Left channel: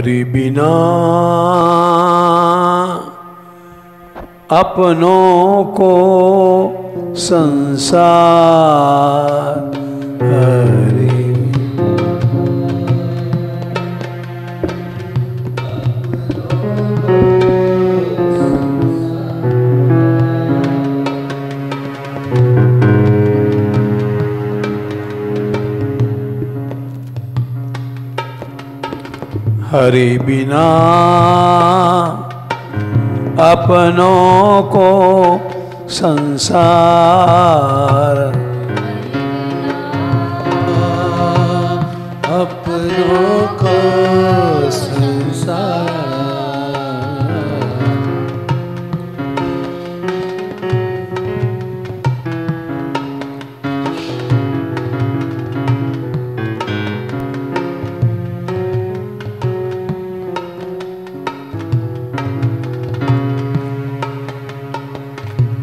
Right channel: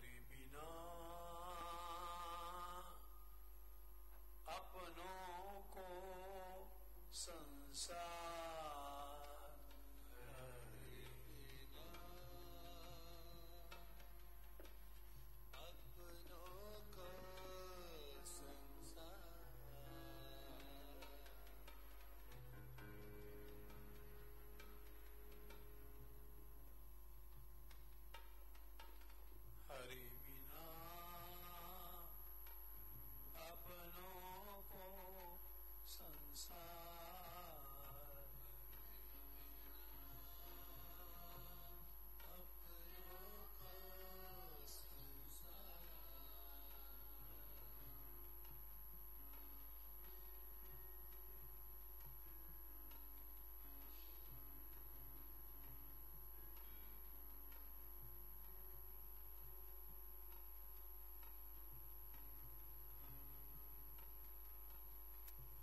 हरि बिना अपनों को संसार हरि हरि बिना अपनों को संसार अपनों को संसार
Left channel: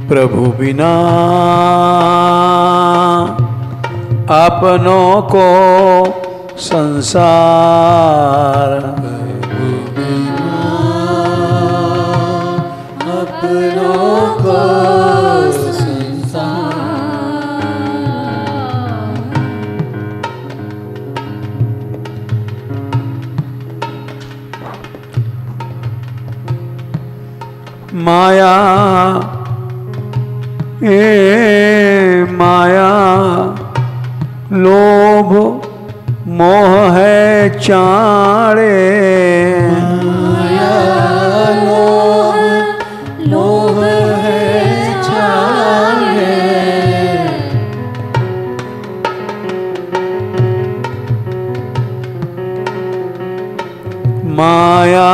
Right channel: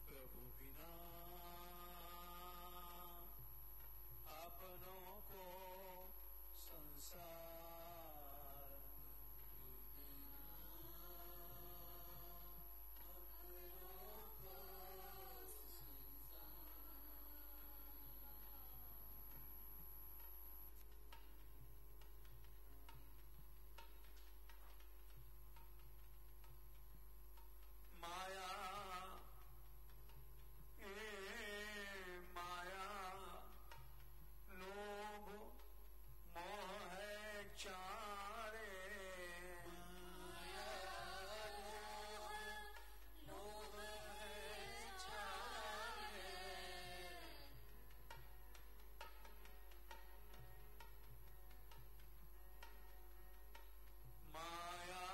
प्रभु बिना अपनों को संसार प्रभु बिना अपनों को संसार माया माया लोभ मोह है चाड़े माया लोभ है चाड़े माया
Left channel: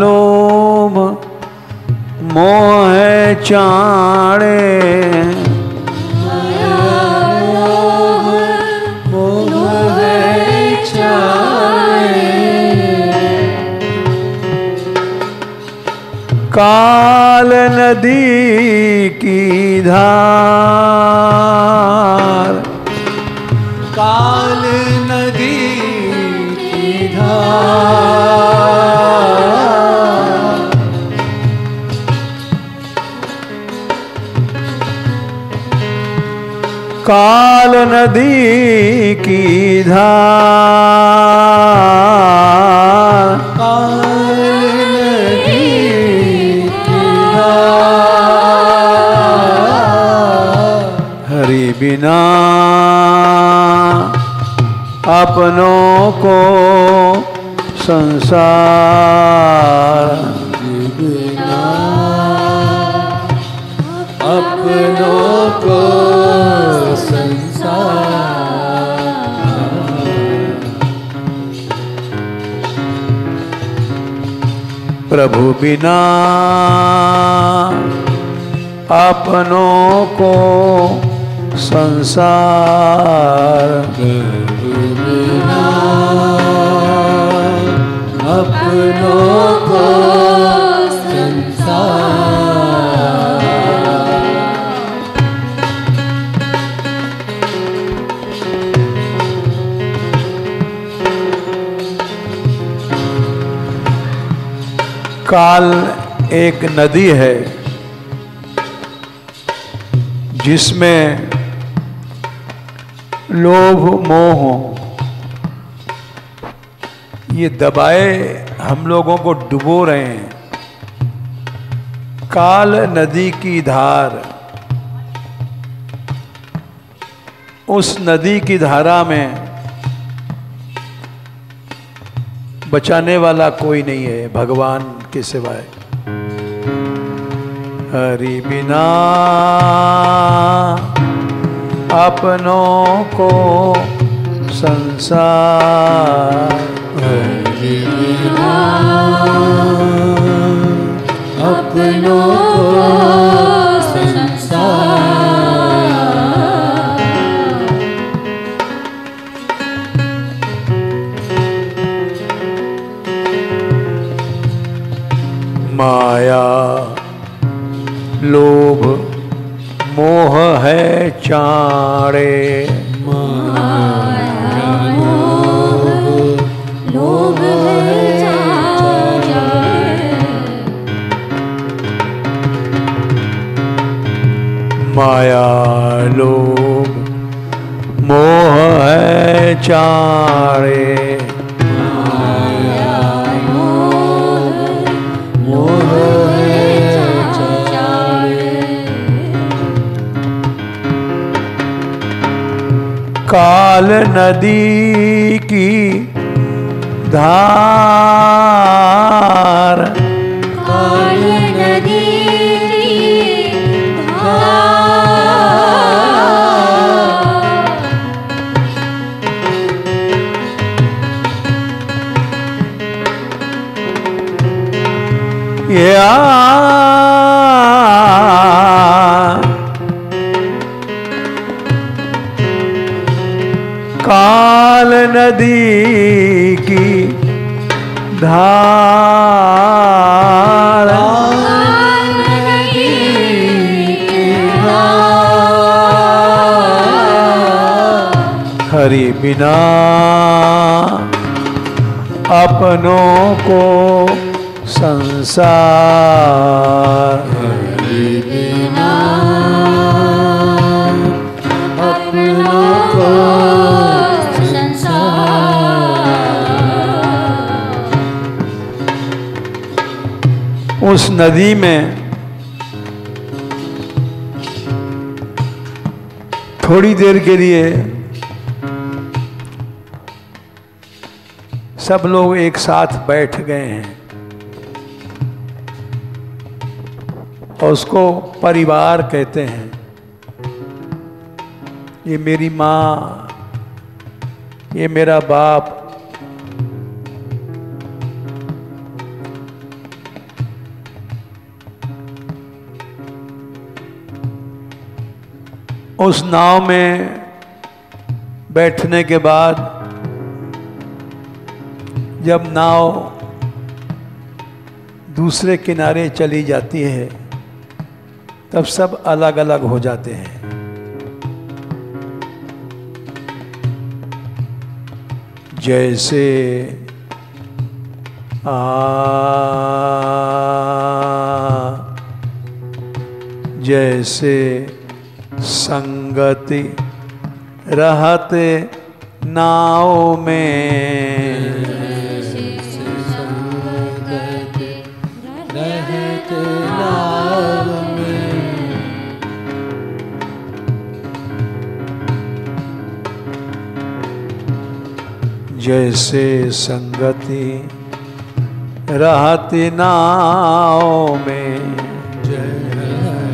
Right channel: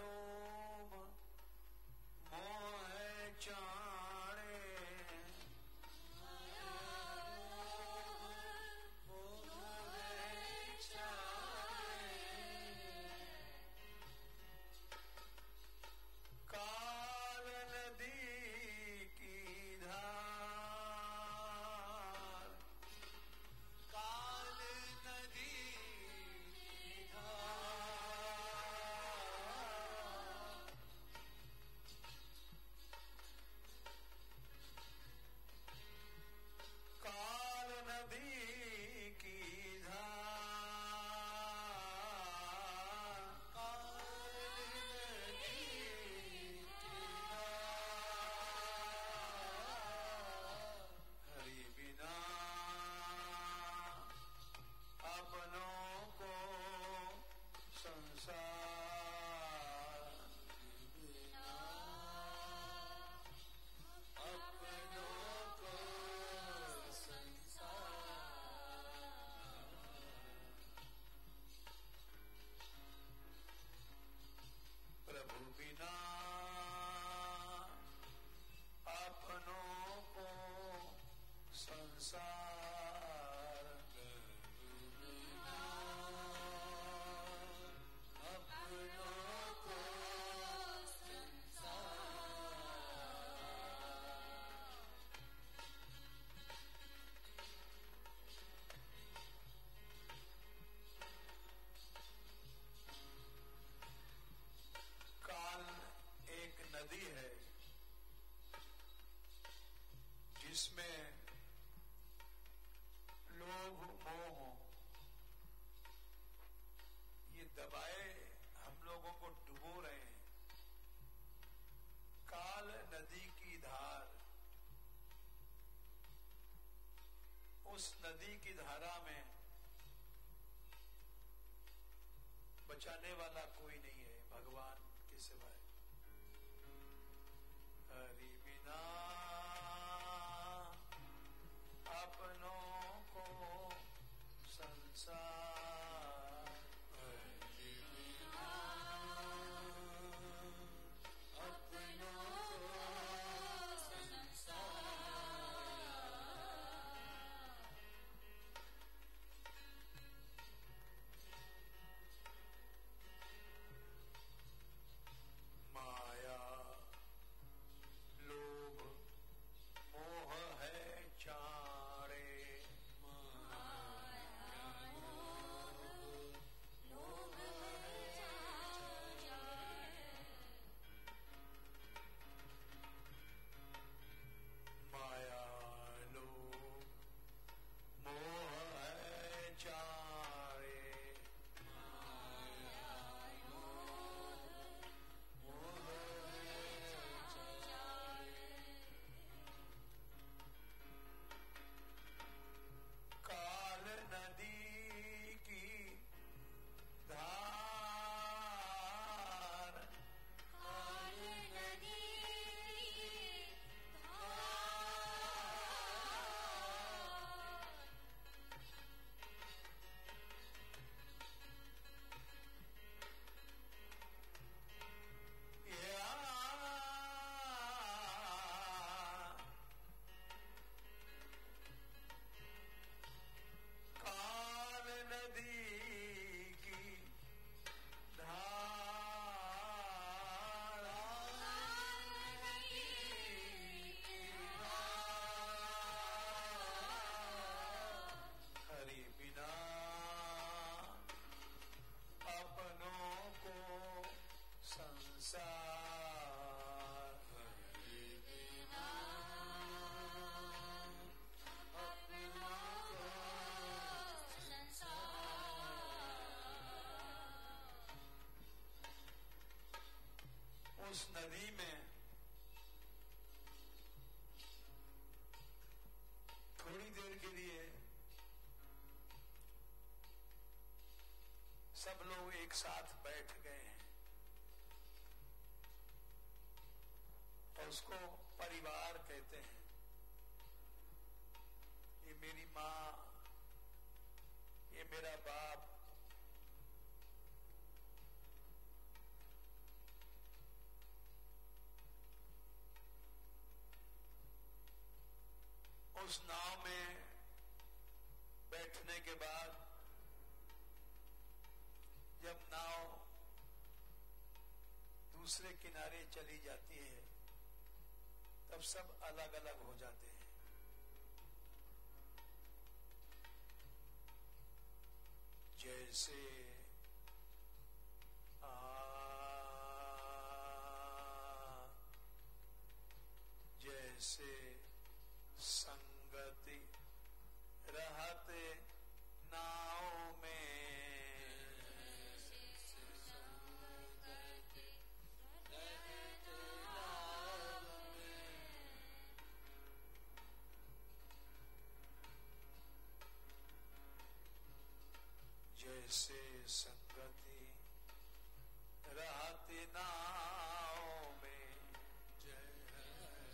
लोभ मोह है चाड़े काल नदी की धार काल नदी की धार काल नदी की धार बिना अपनों को संसार बिना अपनों को संसार प्रभु बिना अपनों को संसार प्रभु बिना अपनों को संसार काल एक नदी है जिसमें लोभ मोह ये दबाए हम लोगों को डुबो रहे हैं। काल नदी की धार, उस नदी की धारा में बचाने वाला कोई नहीं है भगवान के सिवाय। हरि बिना अपनों को संसार हरि बिना अपनों को संसार माया लोभ मोह है चाड़े माया लोभ है माया लोभ मोह है चारे। मोह है चारे। काल नदी की धार। काल नदी की धार। या काल नदी की धार। हरि बिना अपनों को संसार। हरि बिना अपनों को संसार। उस नदी में थोड़ी देर के लिए सब लोग एक साथ बैठ गए हैं और उसको परिवार कहते हैं। ये मेरी माँ, ये मेरा बाप, उस नाव में बैठने के बाद जब नाव दूसरे किनारे चली जाती है तब सब अलग अलग हो जाते हैं। जैसे जैसे संगति रहते नाव में। जैसे संगति रहती नाव में।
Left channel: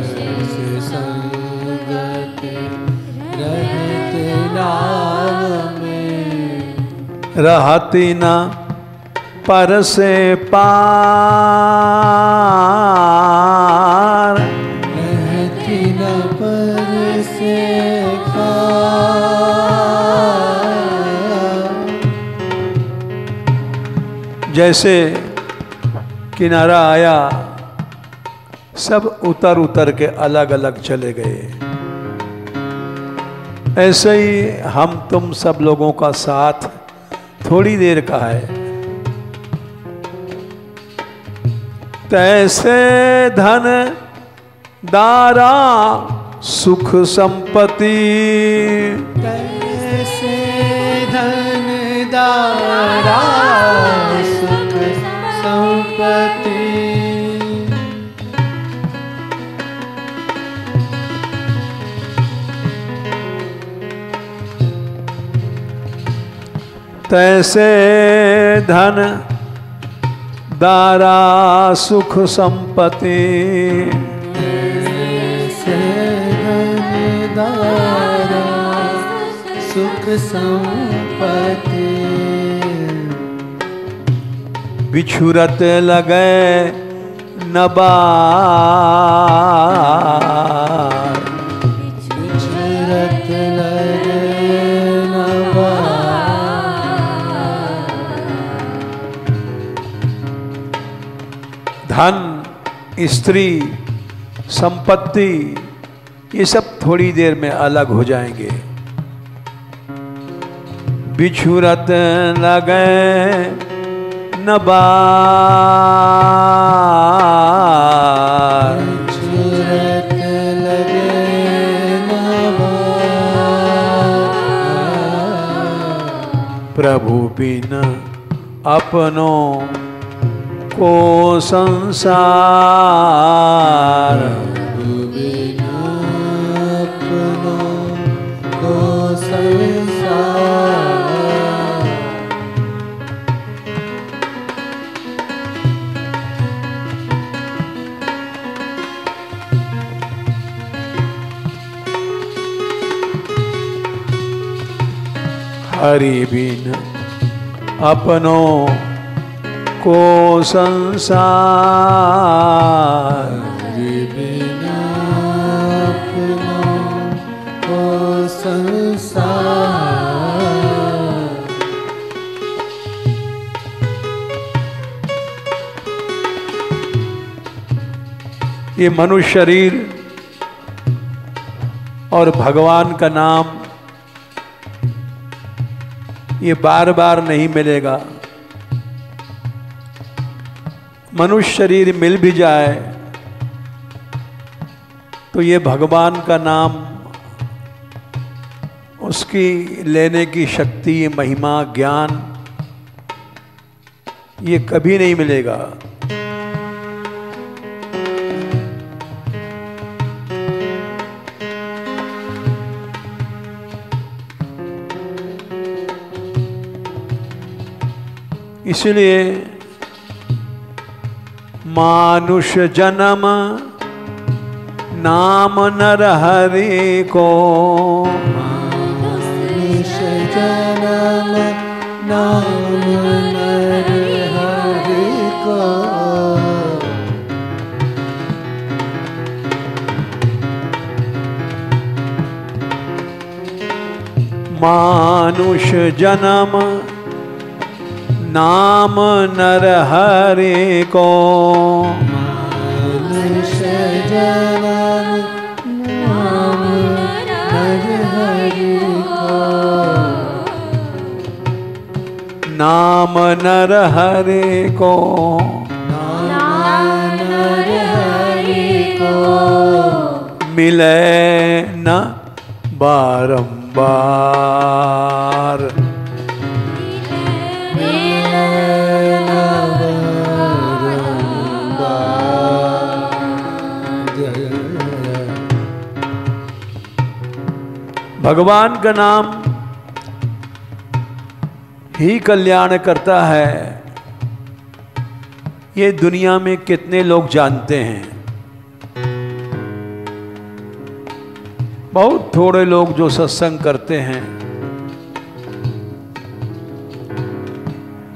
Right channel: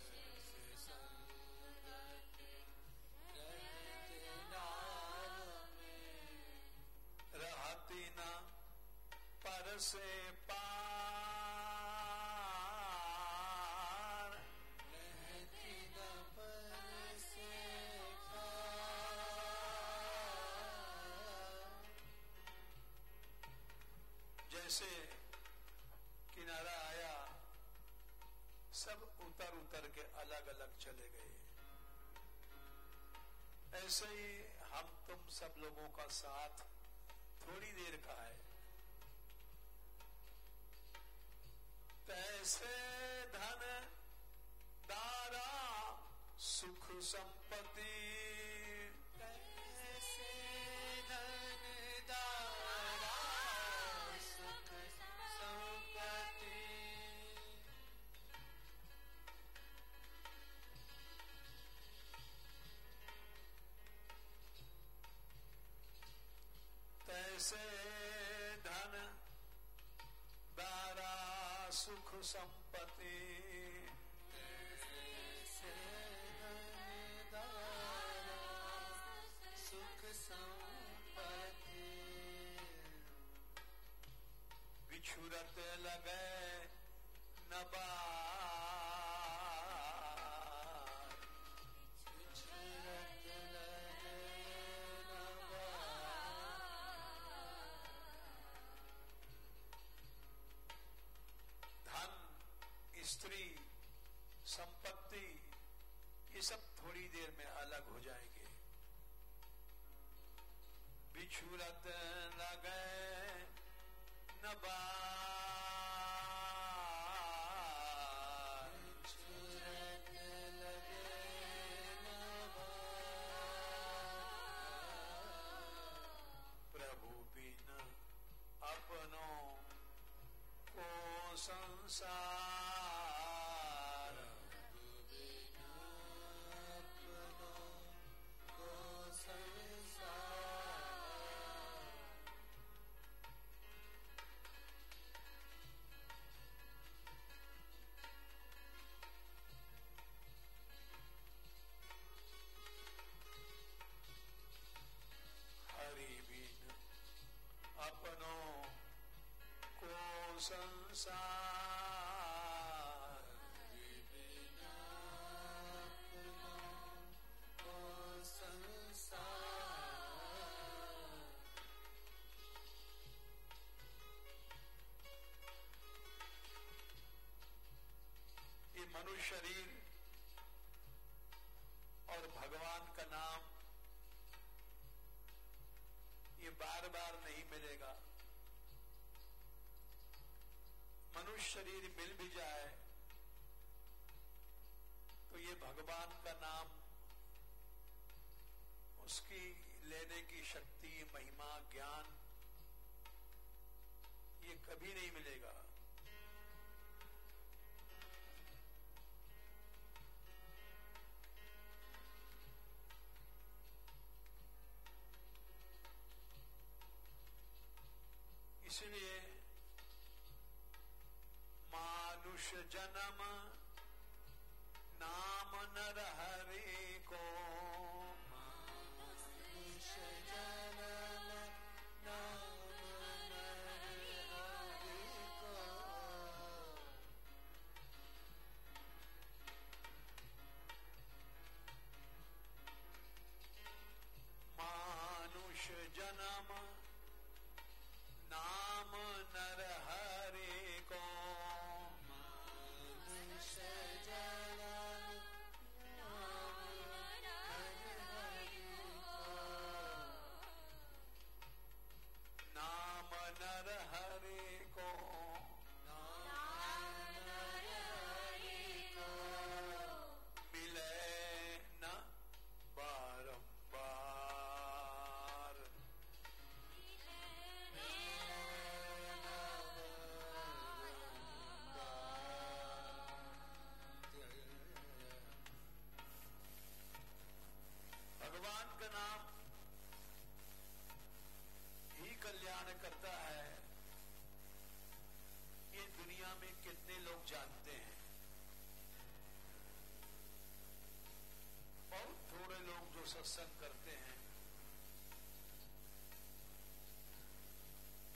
जैसे संगति रहते नाव में। रहती न पर से पार। रहती न पर से पार। जैसे किनारा आया सब उतर उतर के अलग अलग चले गए। ऐसे ही हम तुम सब लोगों का साथ थोड़ी देर का है। तैसे धन दारा सुख संपत्ति। तैसे धन दारा सुख संपत्ति। तैसे धन दारा सुख संपत्ति। तैसे धन दारा सुख संपत्ति। बिछुरत लगे नबार। बिछुरत लगे नबार। धन, स्त्री, संपत्ति ये सब थोड़ी देर में अलग हो जाएंगे। बिछुरत लगे नबार। बिछुरत लगे प्रभु बिन अपनों को संसार। प्रभु बिना अपनों को संसार। हरि बिन अपनों को संसार। हरि बिना अपनों को संसार। ये मनुष्य शरीर और भगवान का नाम ये बार बार नहीं मिलेगा। मनुष्य शरीर मिल भी जाए तो ये भगवान का नाम, उसकी लेने की शक्ति, महिमा, ज्ञान ये कभी नहीं मिलेगा। इसलिए मानुष जन्म नाम नर हरि को। मानुष जन्म नाम नर हरि को। मानुष जन्म नाम नर हरि को। मानुष जन्म नाम नर हरि को। नाम नर हरि को। नाम नर हरि को। मिले न बारंबार। भगवान का नाम ही कल्याण करता है, ये दुनिया में कितने लोग जानते हैं। बहुत थोड़े लोग जो सत्संग करते हैं।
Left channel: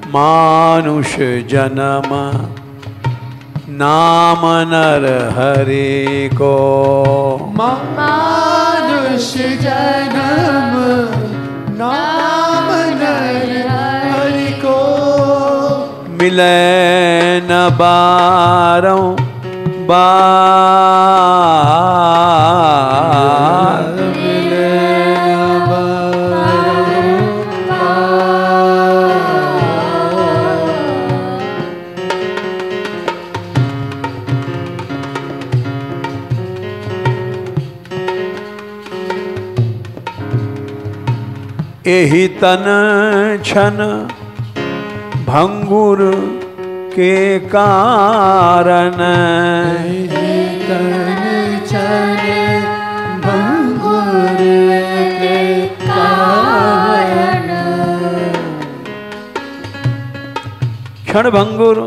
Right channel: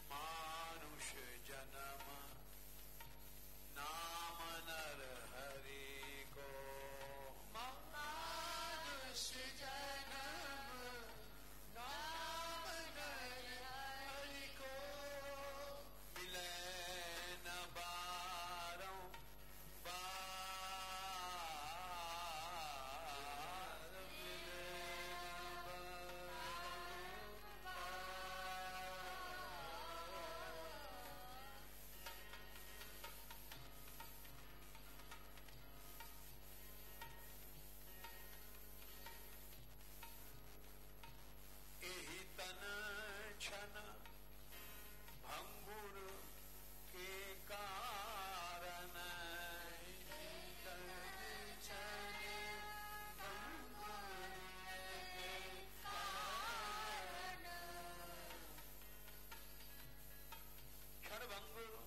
मानुष जन्म नाम नर हरि को। मानुष जन्म नाम नर हरि को। मिले न बारों बार। मिले न बारों एहि तन छन भंगुर के कारण। तन छन भंगुर के कारण। क्षण भंगुर,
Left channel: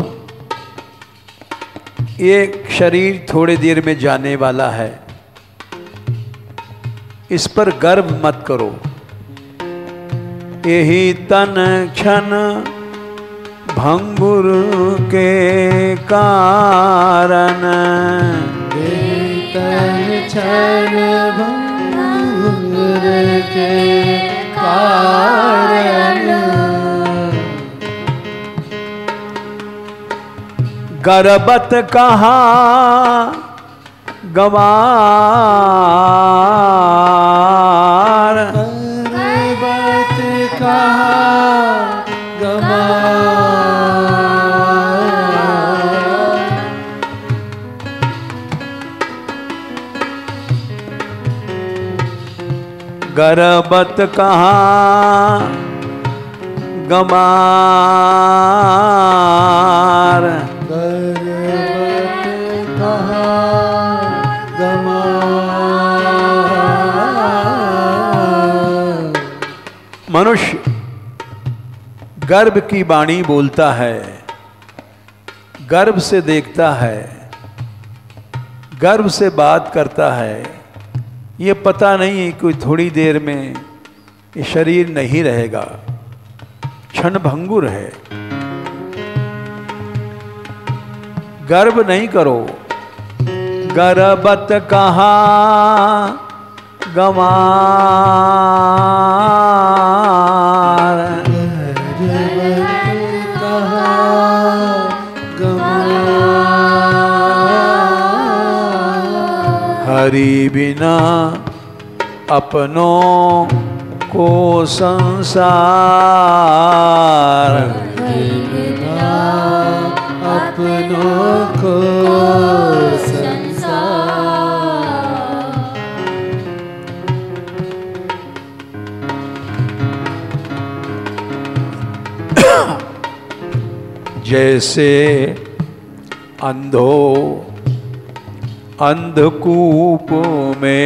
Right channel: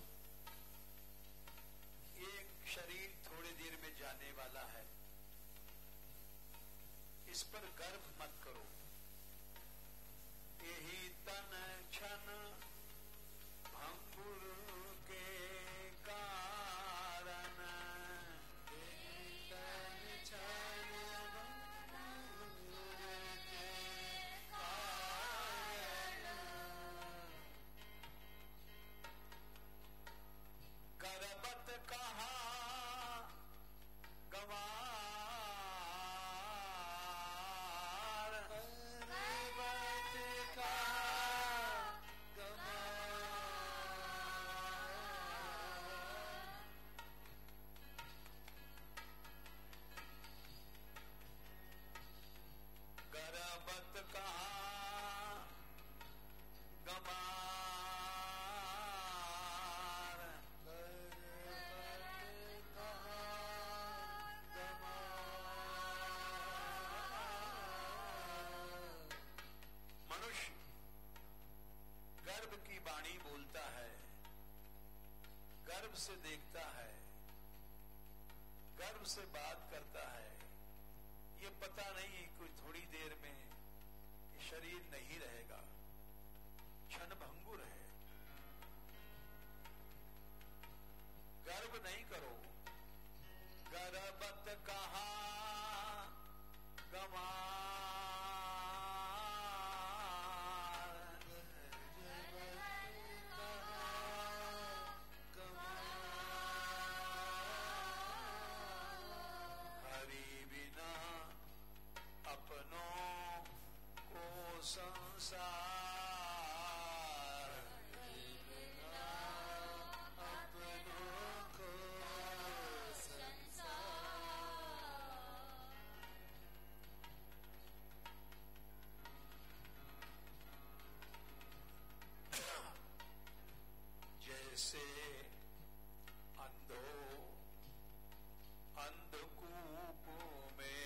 ये शरीर थोड़ी देर में जाने वाला है, इस पर गर्व मत करो। यही तन क्षण भंगुर के कारण। तन क्षण भंगुर के कारण। गर्बत कहा गवार। गर्बत कहा गवार। गर्बत कहा गमार। गर्भवत कहाँ गमार। मनुष्य गर्भ की वाणी बोलता है, गर्भ से देखता है, गर्भ से बात करता है। ये पता नहीं कोई थोड़ी देर में ये शरीर नहीं रहेगा, क्षण भंगुर है। गर्भ नहीं करो। गर्भवत कहाँ गमार। हरि बिना अपनों को संसार। बिना अपनों को संसार। जैसे अंधो अंधकूप में,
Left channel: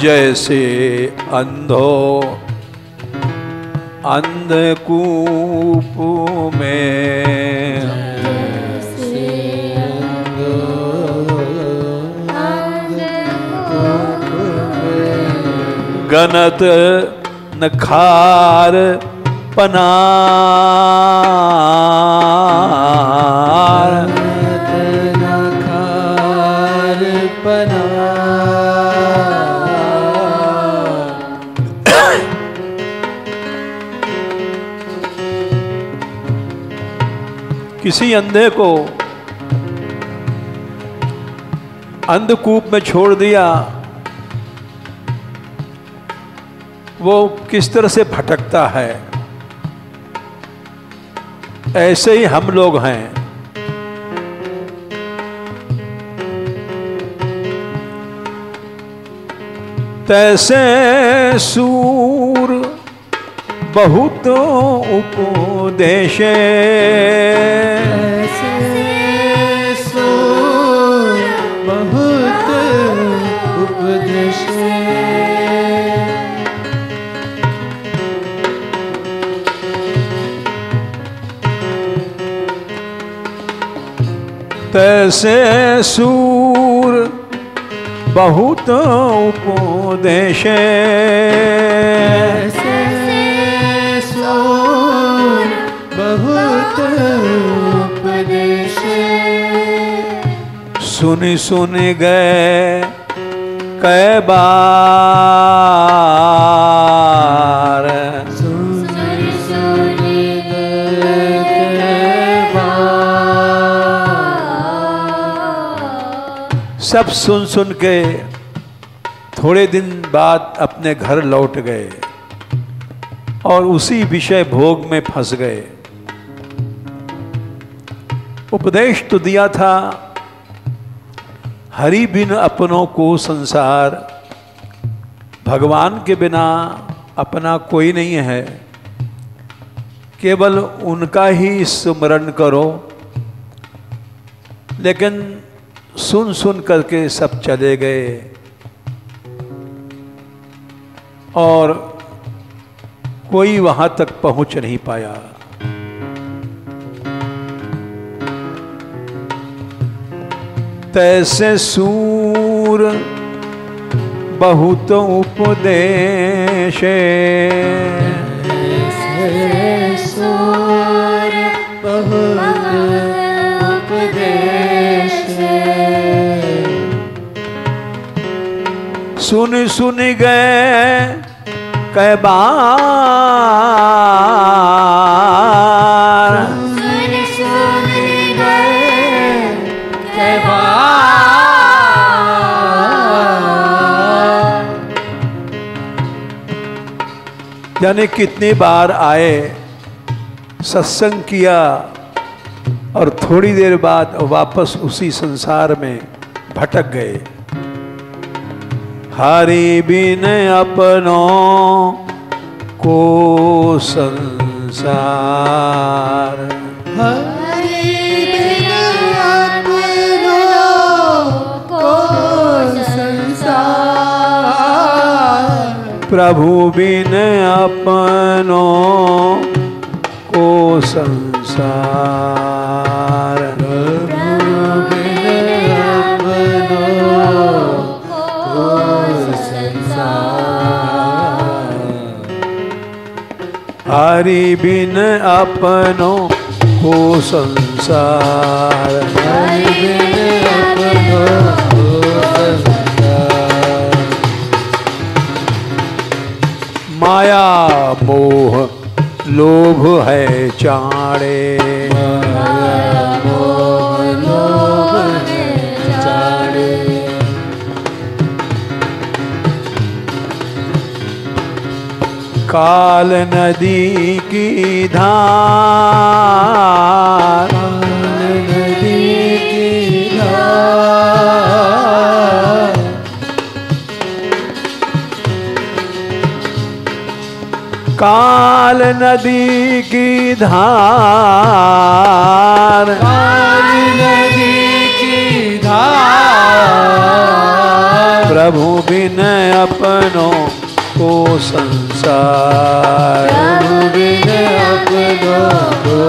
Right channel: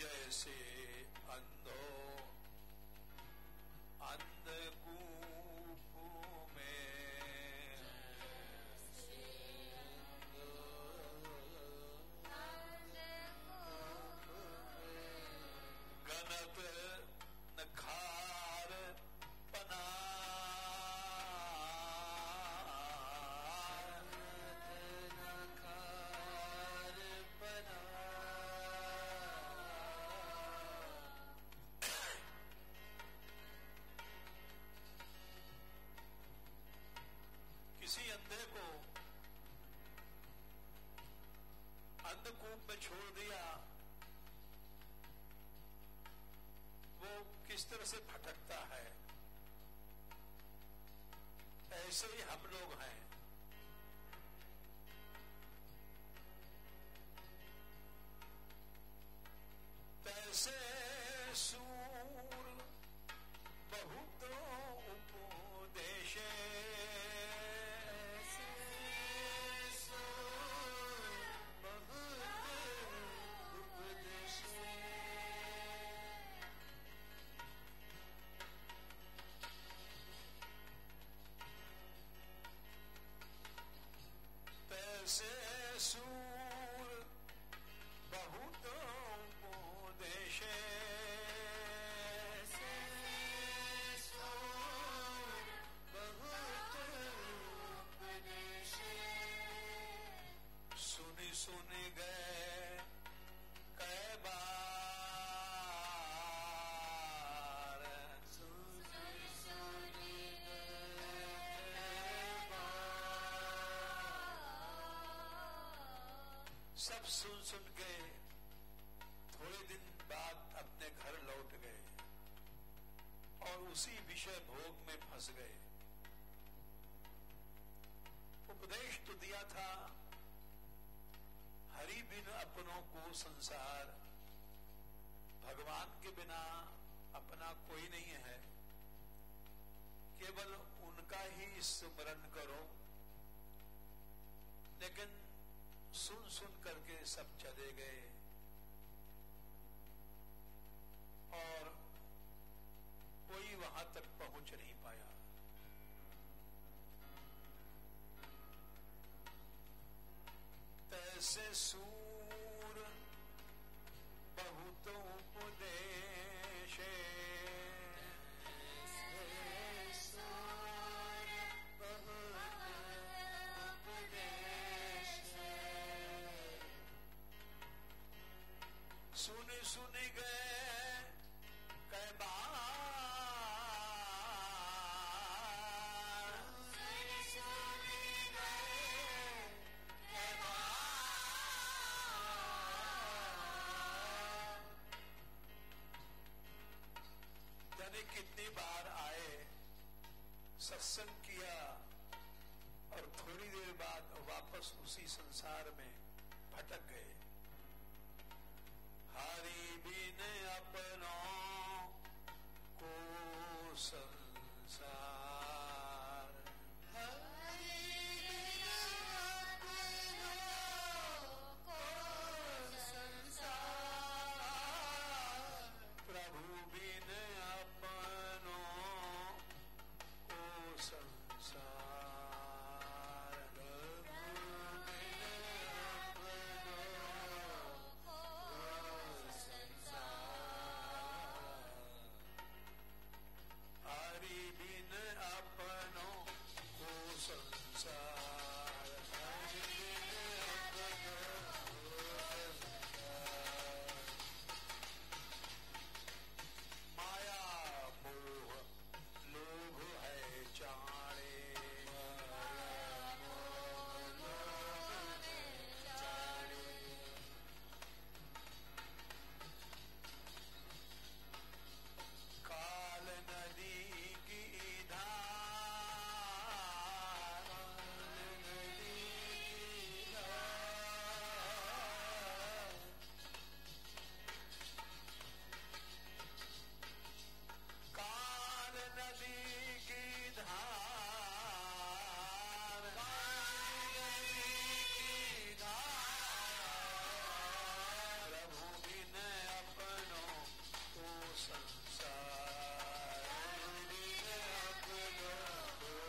जैसे अंधो अंधकूप में, गनत नखार पनार। नखार पनार। किसी अंधे को अंधकूप में छोड़ दिया, वो किस तरह से भटकता है, ऐसे ही हम लोग हैं। तैसे सूर बहुत उपदेशे, बहुत उपदेशे। तैसे सूर बहुत उपदेशे, सूर बहुत उपदेशे। सुनि सुनि गए कै बार, सुनि सुनि गए कै बार। सब सुन सुन के थोड़े दिन बाद अपने घर लौट गए और उसी विषय भोग में फंस गए। उपदेश तो दिया था, हरि बिन अपनों को संसार, भगवान के बिना अपना कोई नहीं है, केवल उनका ही स्मरण करो। लेकिन सुन सुन करके सब चले गए और कोई वहां तक पहुंच नहीं पाया। तैसे सूर बहुत उपदेशे, सूर बहुत उपदेशे। सुन सुन गए कै बार, सुन सुन गए कै बार। यानी कितनी बार आए, सत्संग किया, और थोड़ी देर बाद वापस उसी संसार में भटक गए। हरि बिन अपनों को संसार, हरि बिन अपनों को संसार, प्रभु बिन अपनों को संसार, प्रभु बिन अपनों को संसार, हरि बिन अपनों को संसार, हरि बिन अपनों को संसार, माया मोह लोभ है चाड़े, माया मोह लोभ है चाड़े, काल नदी की धार, नदी की धार, काल नदी की धार, काल नदी की धार, प्रभु बिन अपनों को संसार, प्रभु बिन अपनों को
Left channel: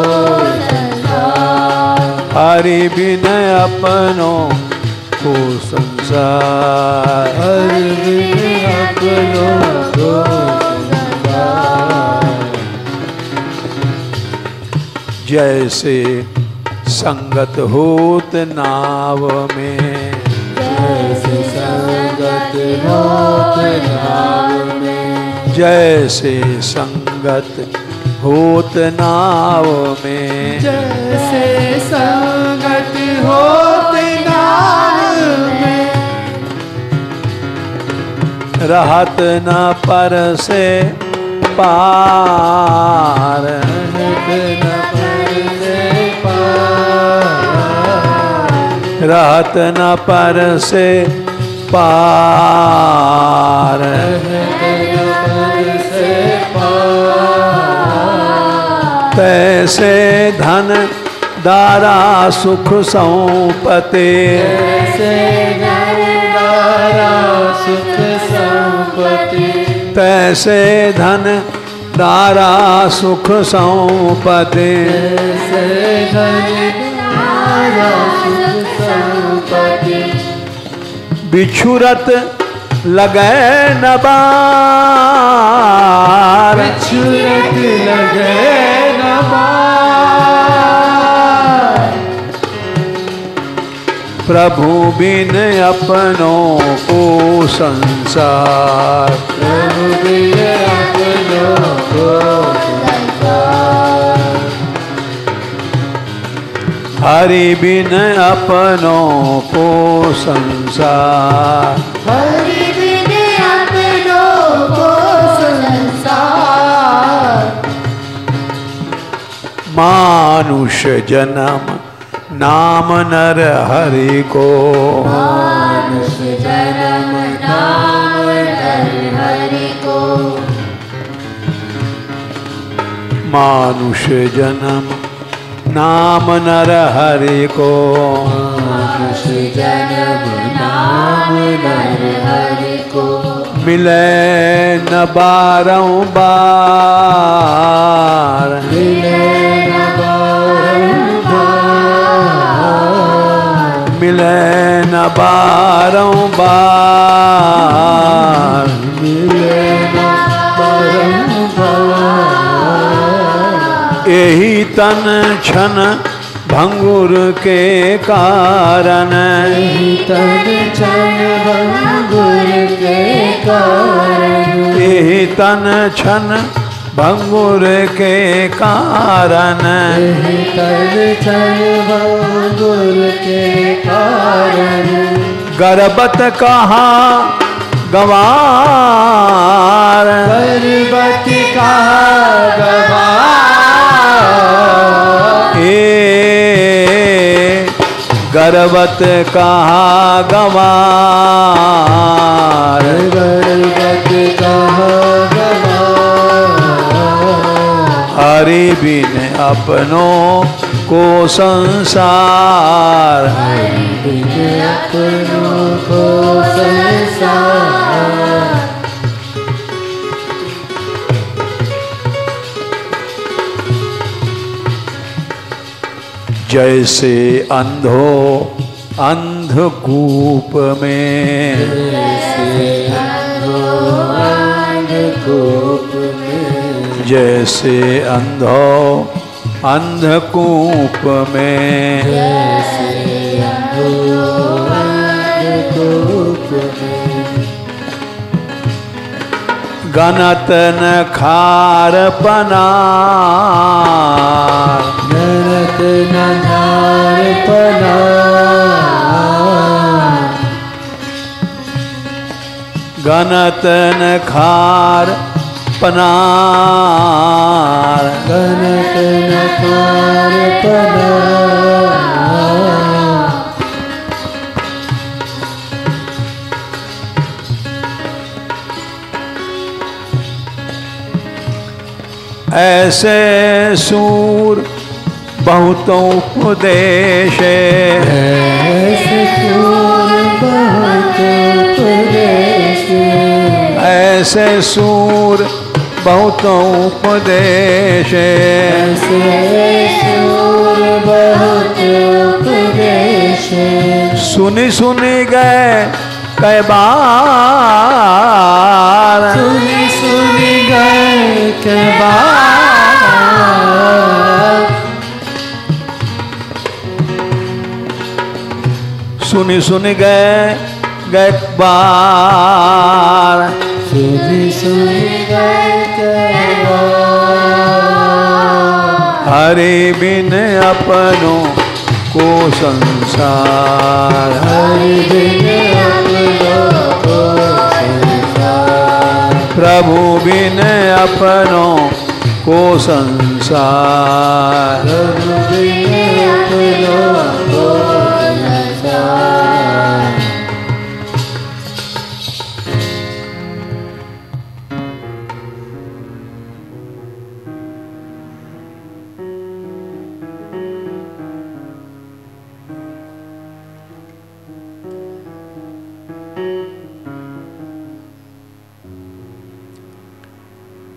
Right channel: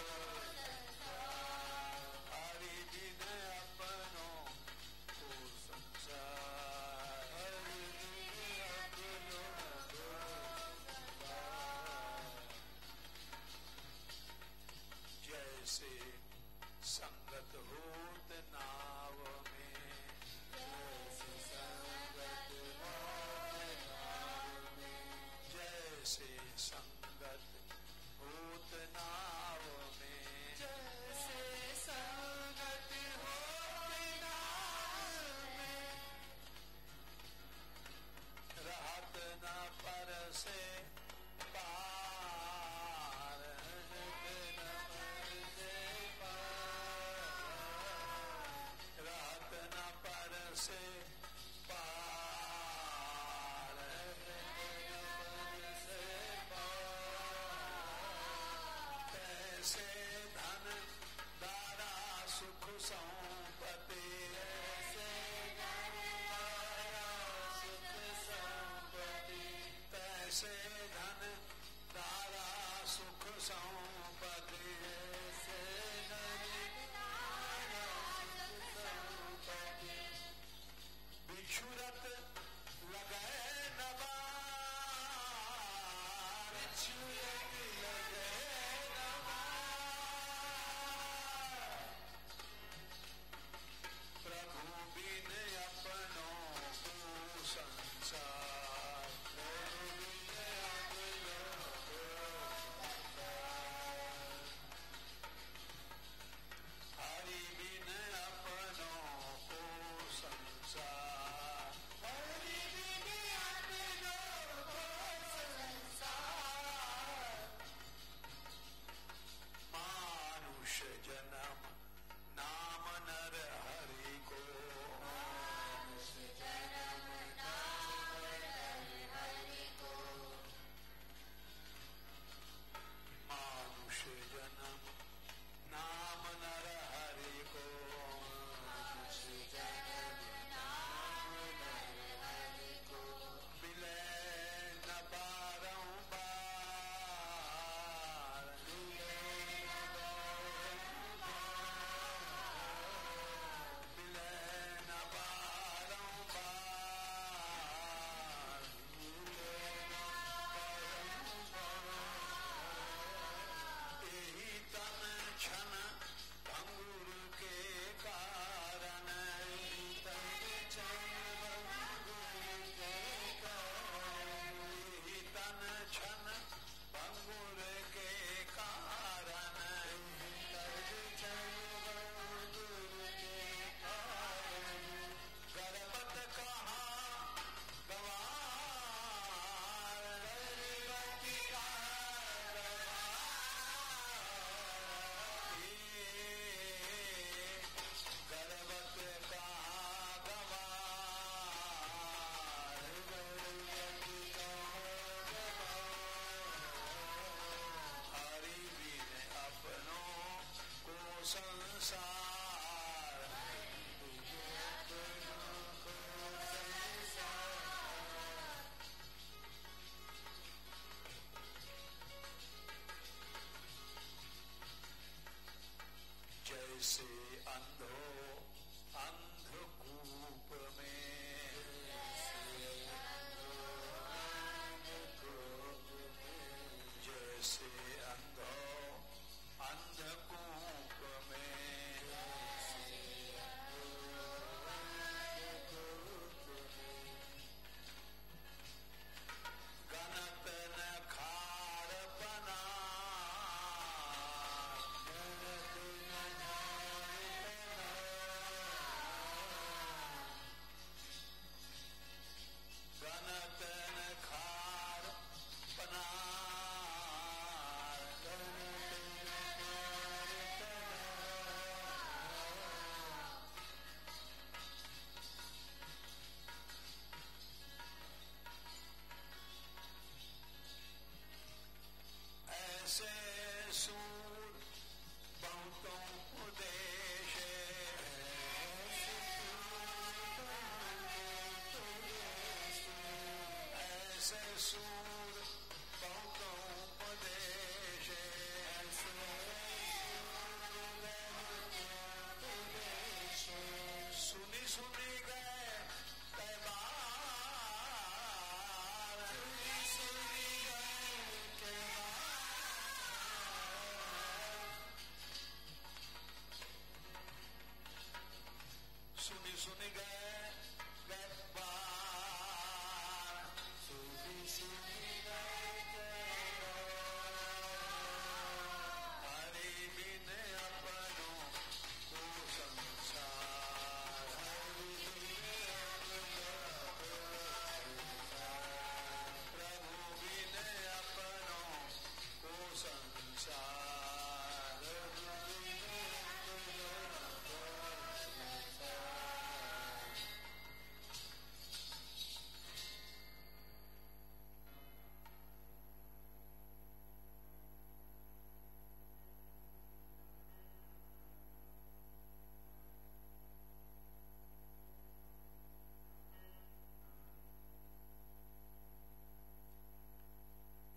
संसार, हरि बिन अपनों को संसार, हरि बिन अपनों को संसार, जैसे संगत होत नाव में, जैसे संगत होत नाव में, जैसे संगत होत नाव में, जैसे संगत होत नाव में, रहत न पर से पार, रहत न पर से पार, तैसे धन दारा सुख सौंपते, सुख संपत्ति, तैसे धन दारा सुख सौंपते, बिछुरत लगे न बार, छुरत लगे न बार, प्रभु बिन अपनों को संसार, प्रभु बिन अपनों को संसार, हरि बिन अपनों को संसार, हरि बिन अपनों को संसार, मानुष जन्म नाम नर हरि को, मानुष जन्म नाम नर हरि को, मानुष जन्म नाम नर हरि को, मानुष जन्म नाम नर हरि को, मिले न बारंबार, मिले न बारंबार, मिले न बारंबार, मिले न बारंबार, यही तन छन भंगुर के कारण, तन छन भंगुर के कारण, यही तन छन भंगुर के कारण, तन छन भंगुर के कारण, गर्भत कहा गवार, गर्भवती कहा गवार, पर्वत कहाँ गंवार, पर्वत कहाँ गंवार, हरि बिन अपनों को संसार, हरि बिन अपनों को संसार। जैसे अंधो अंधकूप में, जैसे अंधो अंधकूप में, जैसे अंधो अंधकूप में, जैसे अंधो अंधकूप में, गनत न खार पनार, गनत न खार पनार, गनत न खार पनार, गनत न खार पनार, ऐसे सूर बहुतों उपदेश, ऐसे सूर बहुत उपदेश, ऐसे सूर बहुतों उपदेश, ऐसे सूर बहुत उपदेश, सुनी सुनी गए कई बार, सुनी सुनी गए के बार, सुनी सुनी गए बार, सुनी सुनी गए के बार, हरि बिन अपनों को संसार, हरि बिन अपनों को संसार, प्रभु बिन अपनों को संसार, प्रभु बिन अपनों को संसार।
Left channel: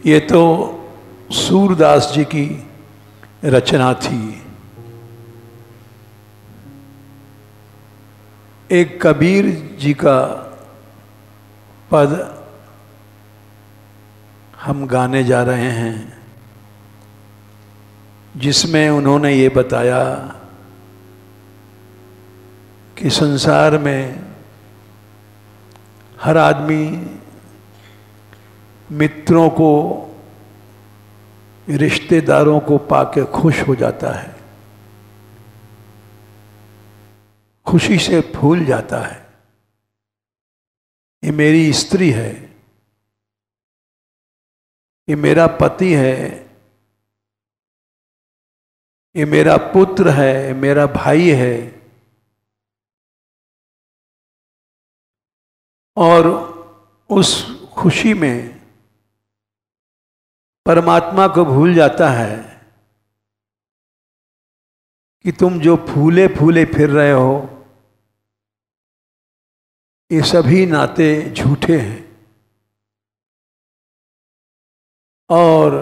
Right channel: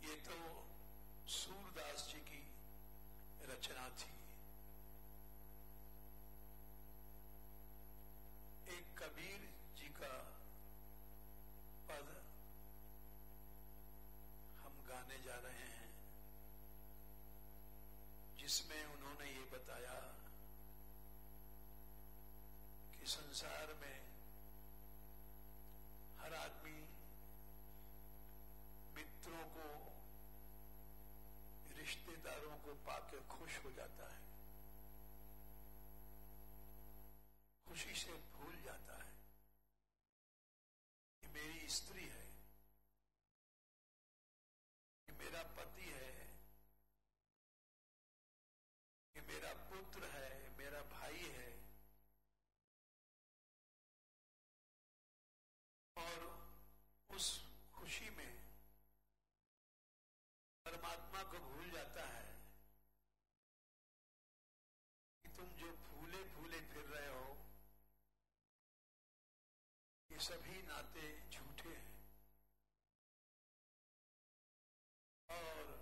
ये तो सूरदास जी की रचना थी। एक कबीर जी का पद हम गाने जा रहे हैं, जिसमें उन्होंने ये बताया कि संसार में हर आदमी मित्रों को, रिश्तेदारों को पाके खुश हो जाता है, खुशी से फूल जाता है। ये मेरी स्त्री है, ये मेरा पति है, ये मेरा पुत्र है, ये मेरा भाई है। और उस खुशी में परमात्मा को भूल जाता है कि तुम जो फूले फूले फिर रहे हो, ये सभी नाते झूठे हैं और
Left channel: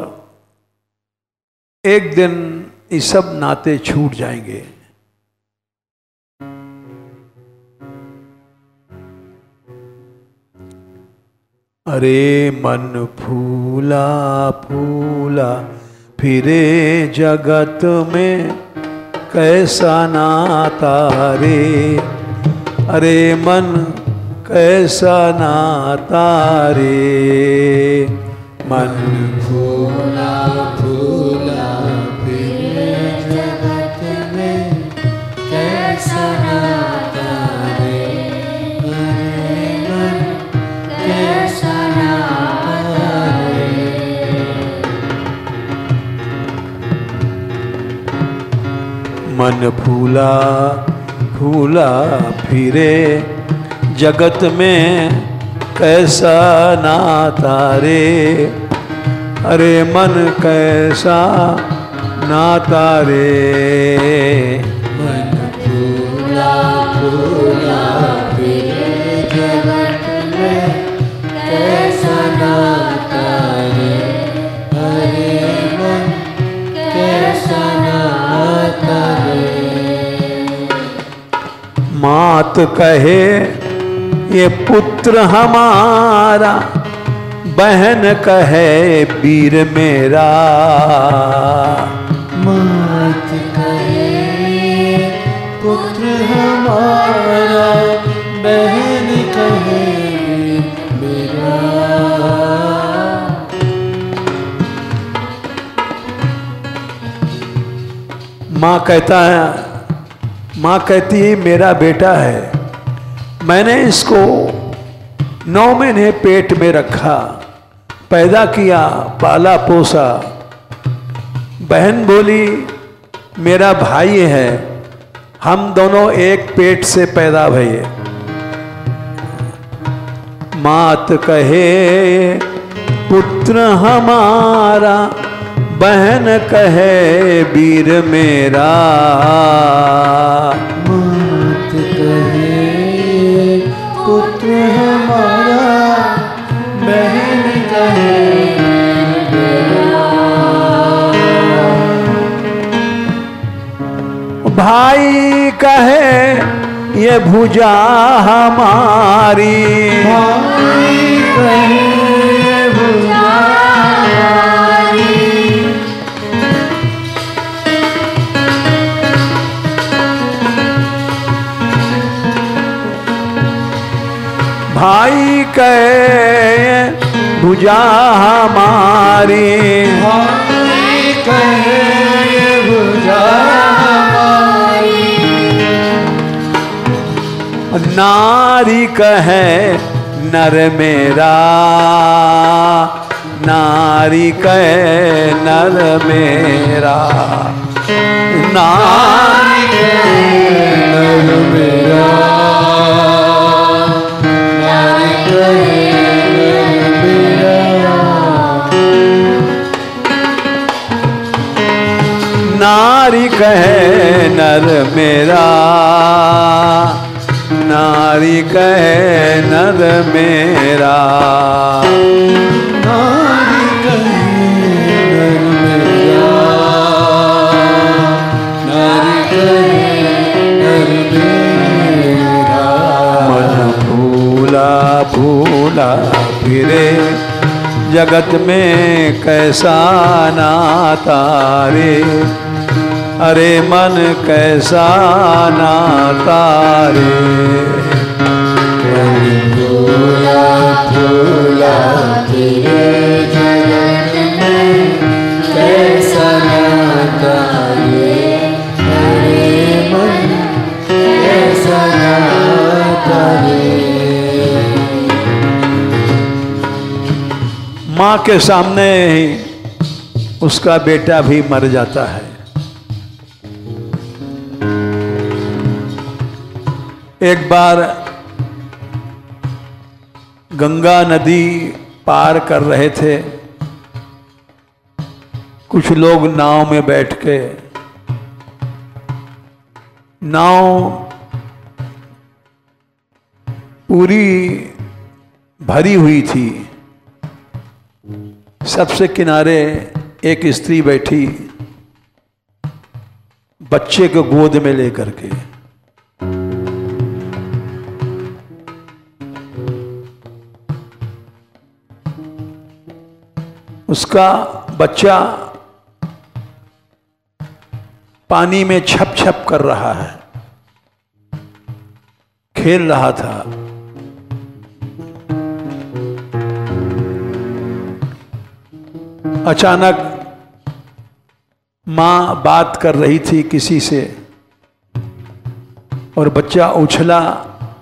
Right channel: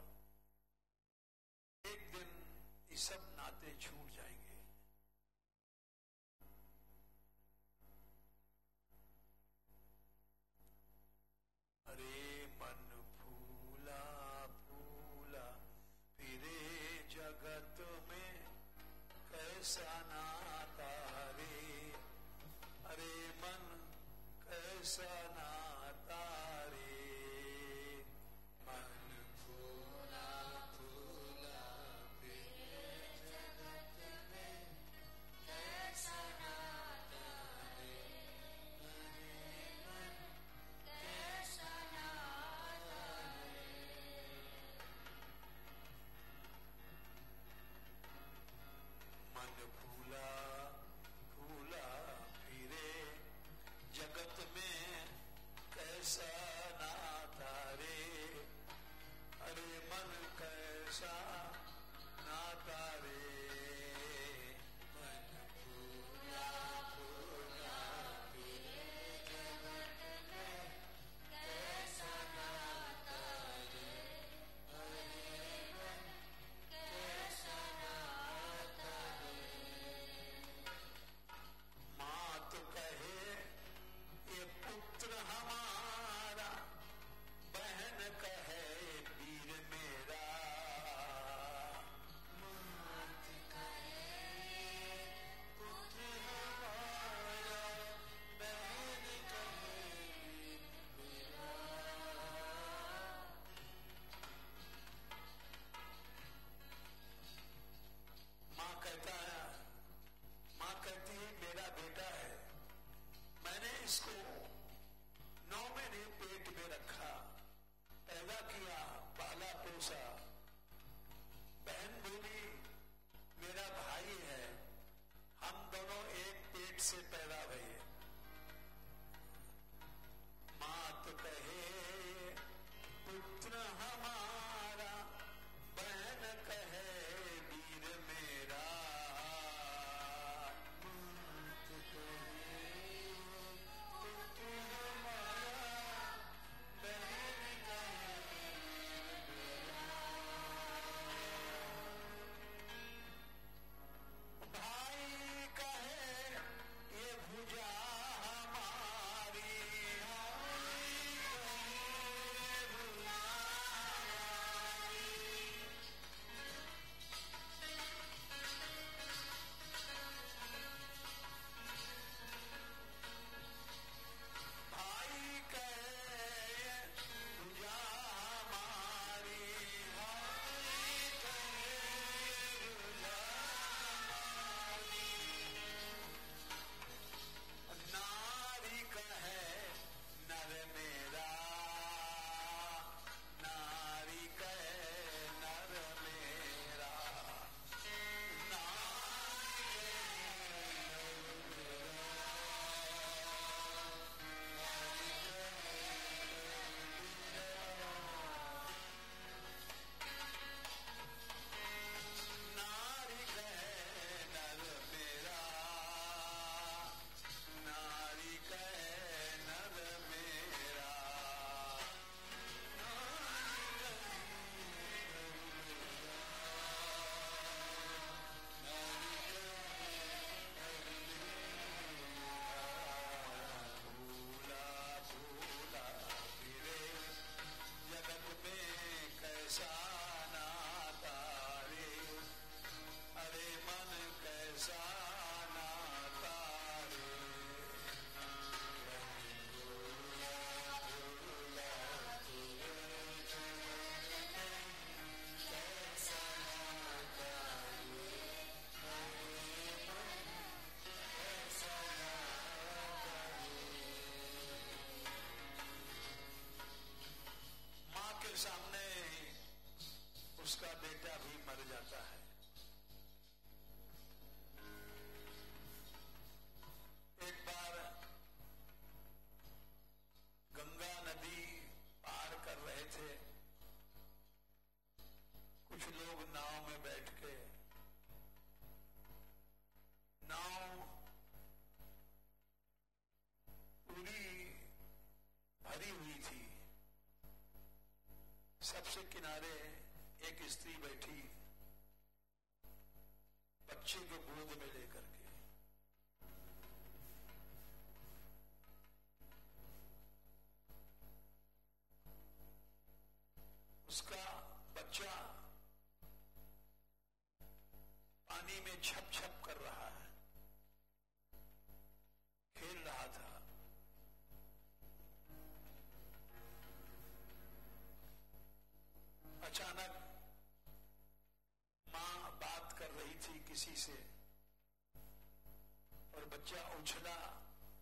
एक दिन ये सब नाते छूट जाएंगे। अरे मन फूला फूला फिरे जगत में कैसा नाता रे, अरे मन कैसा नाता रे, मन फूला फूला फिरे जगत में कैसा नाता रे, अरे मन कैसा नाता रे। मन फूला घूला फिरे जगत में कैसा नाता रे, अरे मन कैसा नाता रे। मन फूला फूला फिरे जगत में कैसा नाता रे, अरे मन कैसा नाता रे। मात कहे ये पुत्र हमारा, बहन कहे वीर मेरा। मात कहे पुत्र हमारा, बहन कहे मेरा। माँ कहता है, माँ कहती है मेरा बेटा है, मैंने इसको 9 महीने पेट में रखा, पैदा किया, पाला पोसा। बहन बोली मेरा भाई है, हम दोनों एक पेट से पैदा भये। मात कहे पुत्र हमारा, बहन कहे वीर मेरा। मात कहे पुत्र हमारा, बहन कहे मेरा। भाई कहे ये भुजा हमारी। भाई कहे भुजा हमारी। भाई कहे भुजा हमारी। भाई कहे भुजा हमारी। नारी कहे नर मेरा, नारी कहे नर मेरा। नारी कहे नर मेरा, नारी कहे नर मेरा। नारी कहे नर मेरा, नारी कहे नर मेरा। नारी कहे नर मेरा, नारी कहे नर मेरा। मन भूला भूला फिरे जगत में कैसा नाता रे, अरे मन कैसा नाता रे। मन भूला भूला फिरे जगत में कैसा नाता रे, अरे मन कैसा नाता रे। माँ के सामने ही उसका बेटा भी मर जाता है। एक बार गंगा नदी पार कर रहे थे, कुछ लोग नाव में बैठ के, नाव पूरी भरी हुई थी, सबसे किनारे एक स्त्री बैठी बच्चे को गोद में लेकर के। उसका बच्चा पानी में छप छप कर रहा है, खेल रहा था। अचानक मां बात कर रही थी किसी से और बच्चा उछला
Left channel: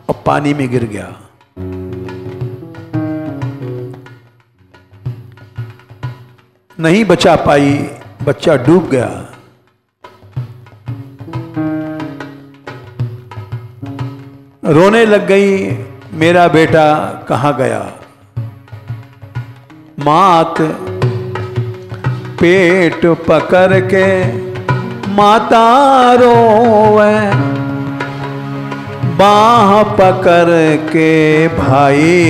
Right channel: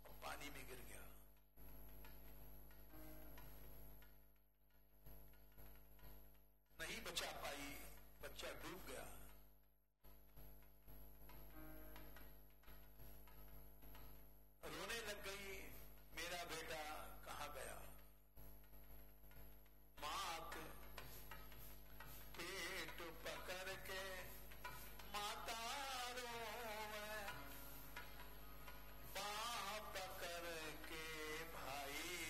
और पानी में गिर गया। नहीं बचा पाई, बच्चा डूब गया। रोने लग गई, मेरा बेटा कहाँ गया। मात पेट पकड़ के माता रोवे, बाह पकड़ के भाई।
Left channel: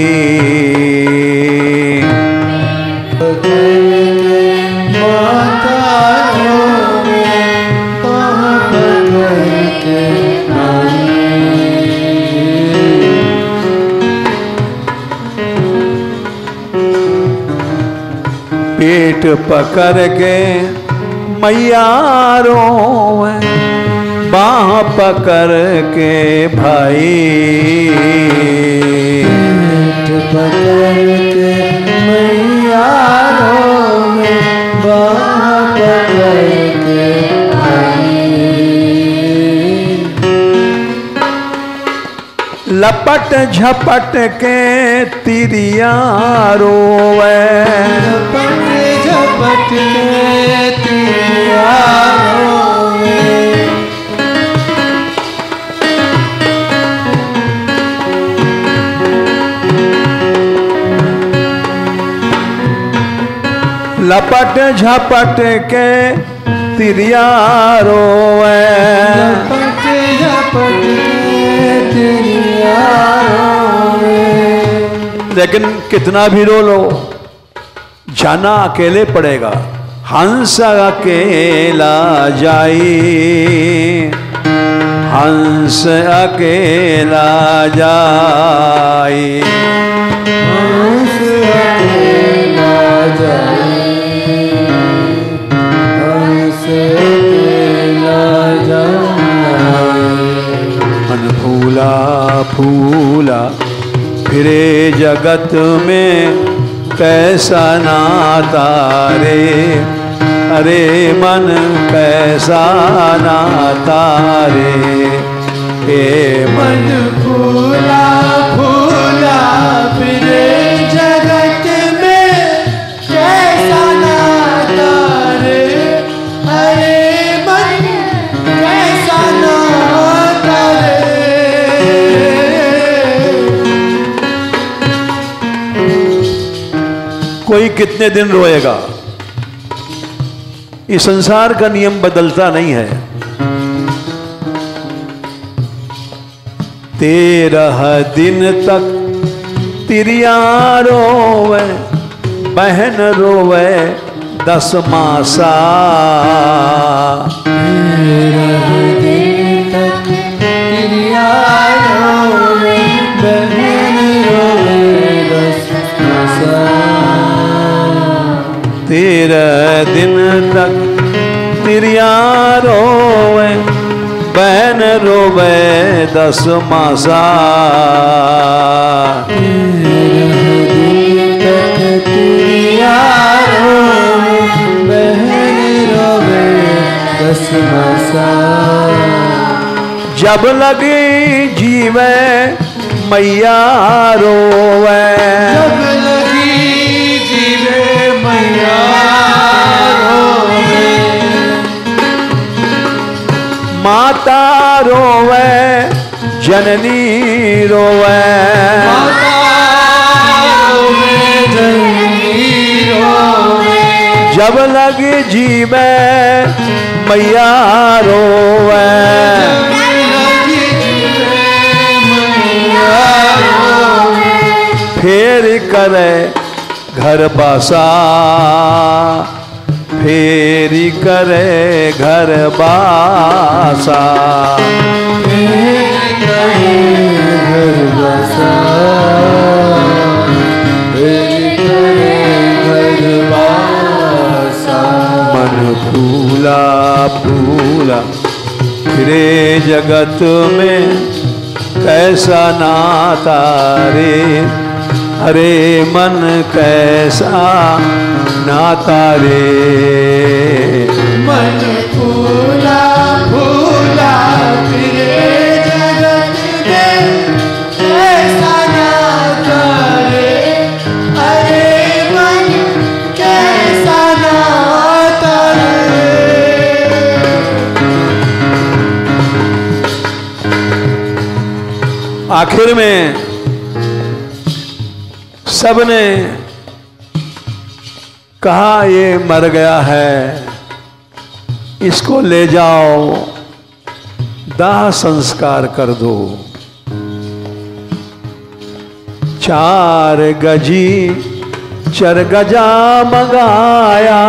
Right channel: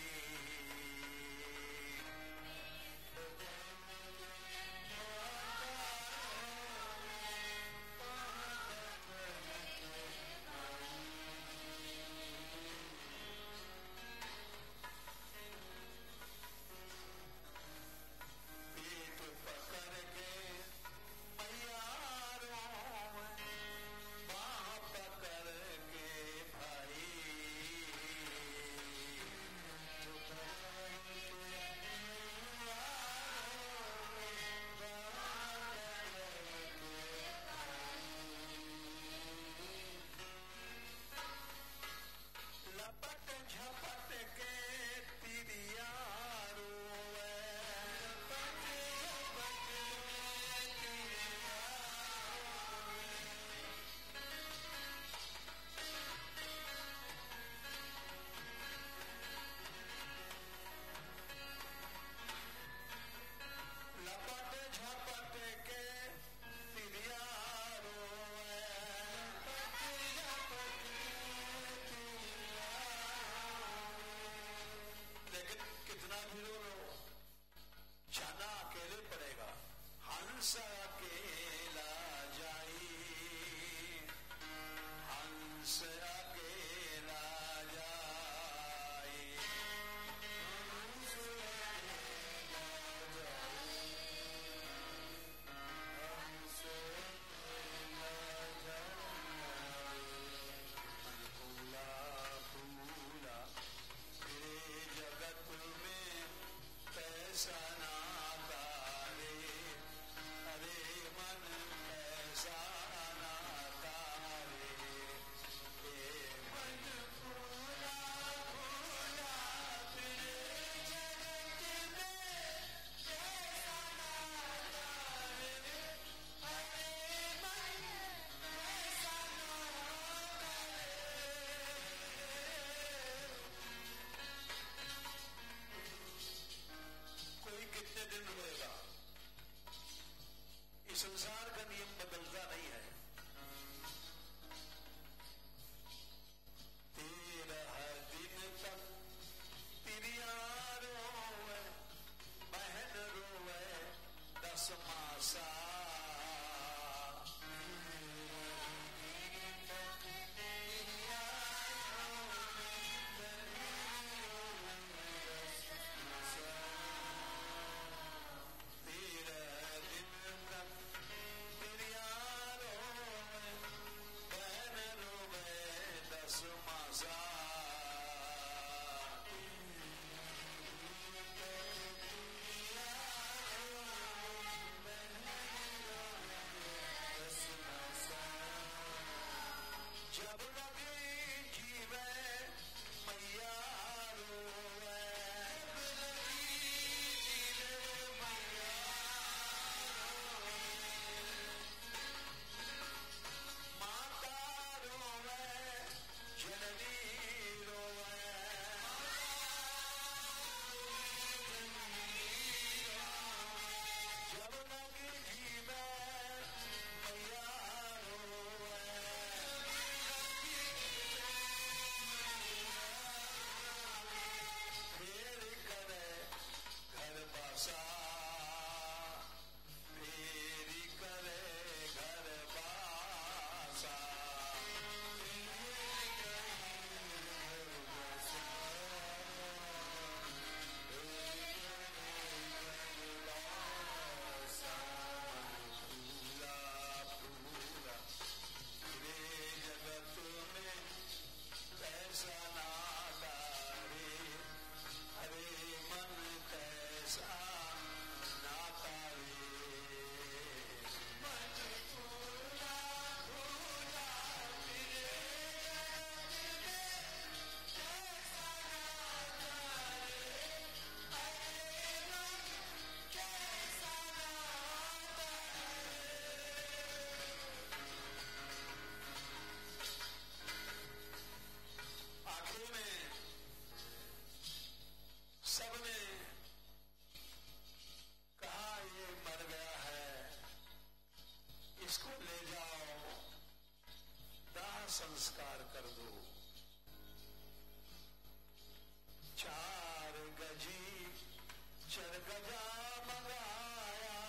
पेट पकड़ के मैया रोवे, बाह पकड़ के भाई। पेट पकड़ के मैया रोवे, बाह पकड़ के भाई। लपट झपट के तिरिया रोवे, लपट झपट के तिरिया रोवे। लपट झपट के तिरिया रोवे, लपट झपट के तिरिया रोवे। लेकिन कितना भी रो लो, जाना अकेले पड़ेगा। हंस अकेला जाई, हंस अकेला जाई। हंस अकेला जाई, हंस अकेला जाई। मन फूला फूला फिरे जगत में, कैसा नाता रे। अरे मन कैसा नाता रे। हे मन फूला फूला फिरे जगत में, कैसा नाता रे। अरे मन कैसा नाता रे। कोई कितने दिन रोएगा, इस संसार का नियम बदलता नहीं है। 13 दिन तक तिरिया रोवे, बहन रोवे 10 मासा। 13 दिन तक तिरिया रोवे, बहन रोवे 10 मासा। 13 दिन तक तिरिया रोवे, बहन रोवे 10 मासा। 13 दिन तक तिरिया रोवे, बहन रोवे 10 मासा। जब लगी जीवे मैया रोवे, जब लगी जीवे मैया रोवे। माता रोवे जननी रोवे, माता रोवे जननी रोवे। जब लगी जीवे मैया रोवे। लगी जीवे मैया रोवे। फेर करे घर बसा, फेरी करे घर बासा। फेर करे घर बसा, फेर करे घर बासा। मन फूला फूला फिरे जगत में, कैसा नाता रे। अरे मन कैसा नाता रे। मन फूला फूला फिरे जगत में, कैसा नाता रे। अरे मन कैसा नाता रे। आखिर में सबने कहा ये मर गया है, इसको ले जाओ, दाह संस्कार कर दो। 4 गजी चरगजा मंगाया,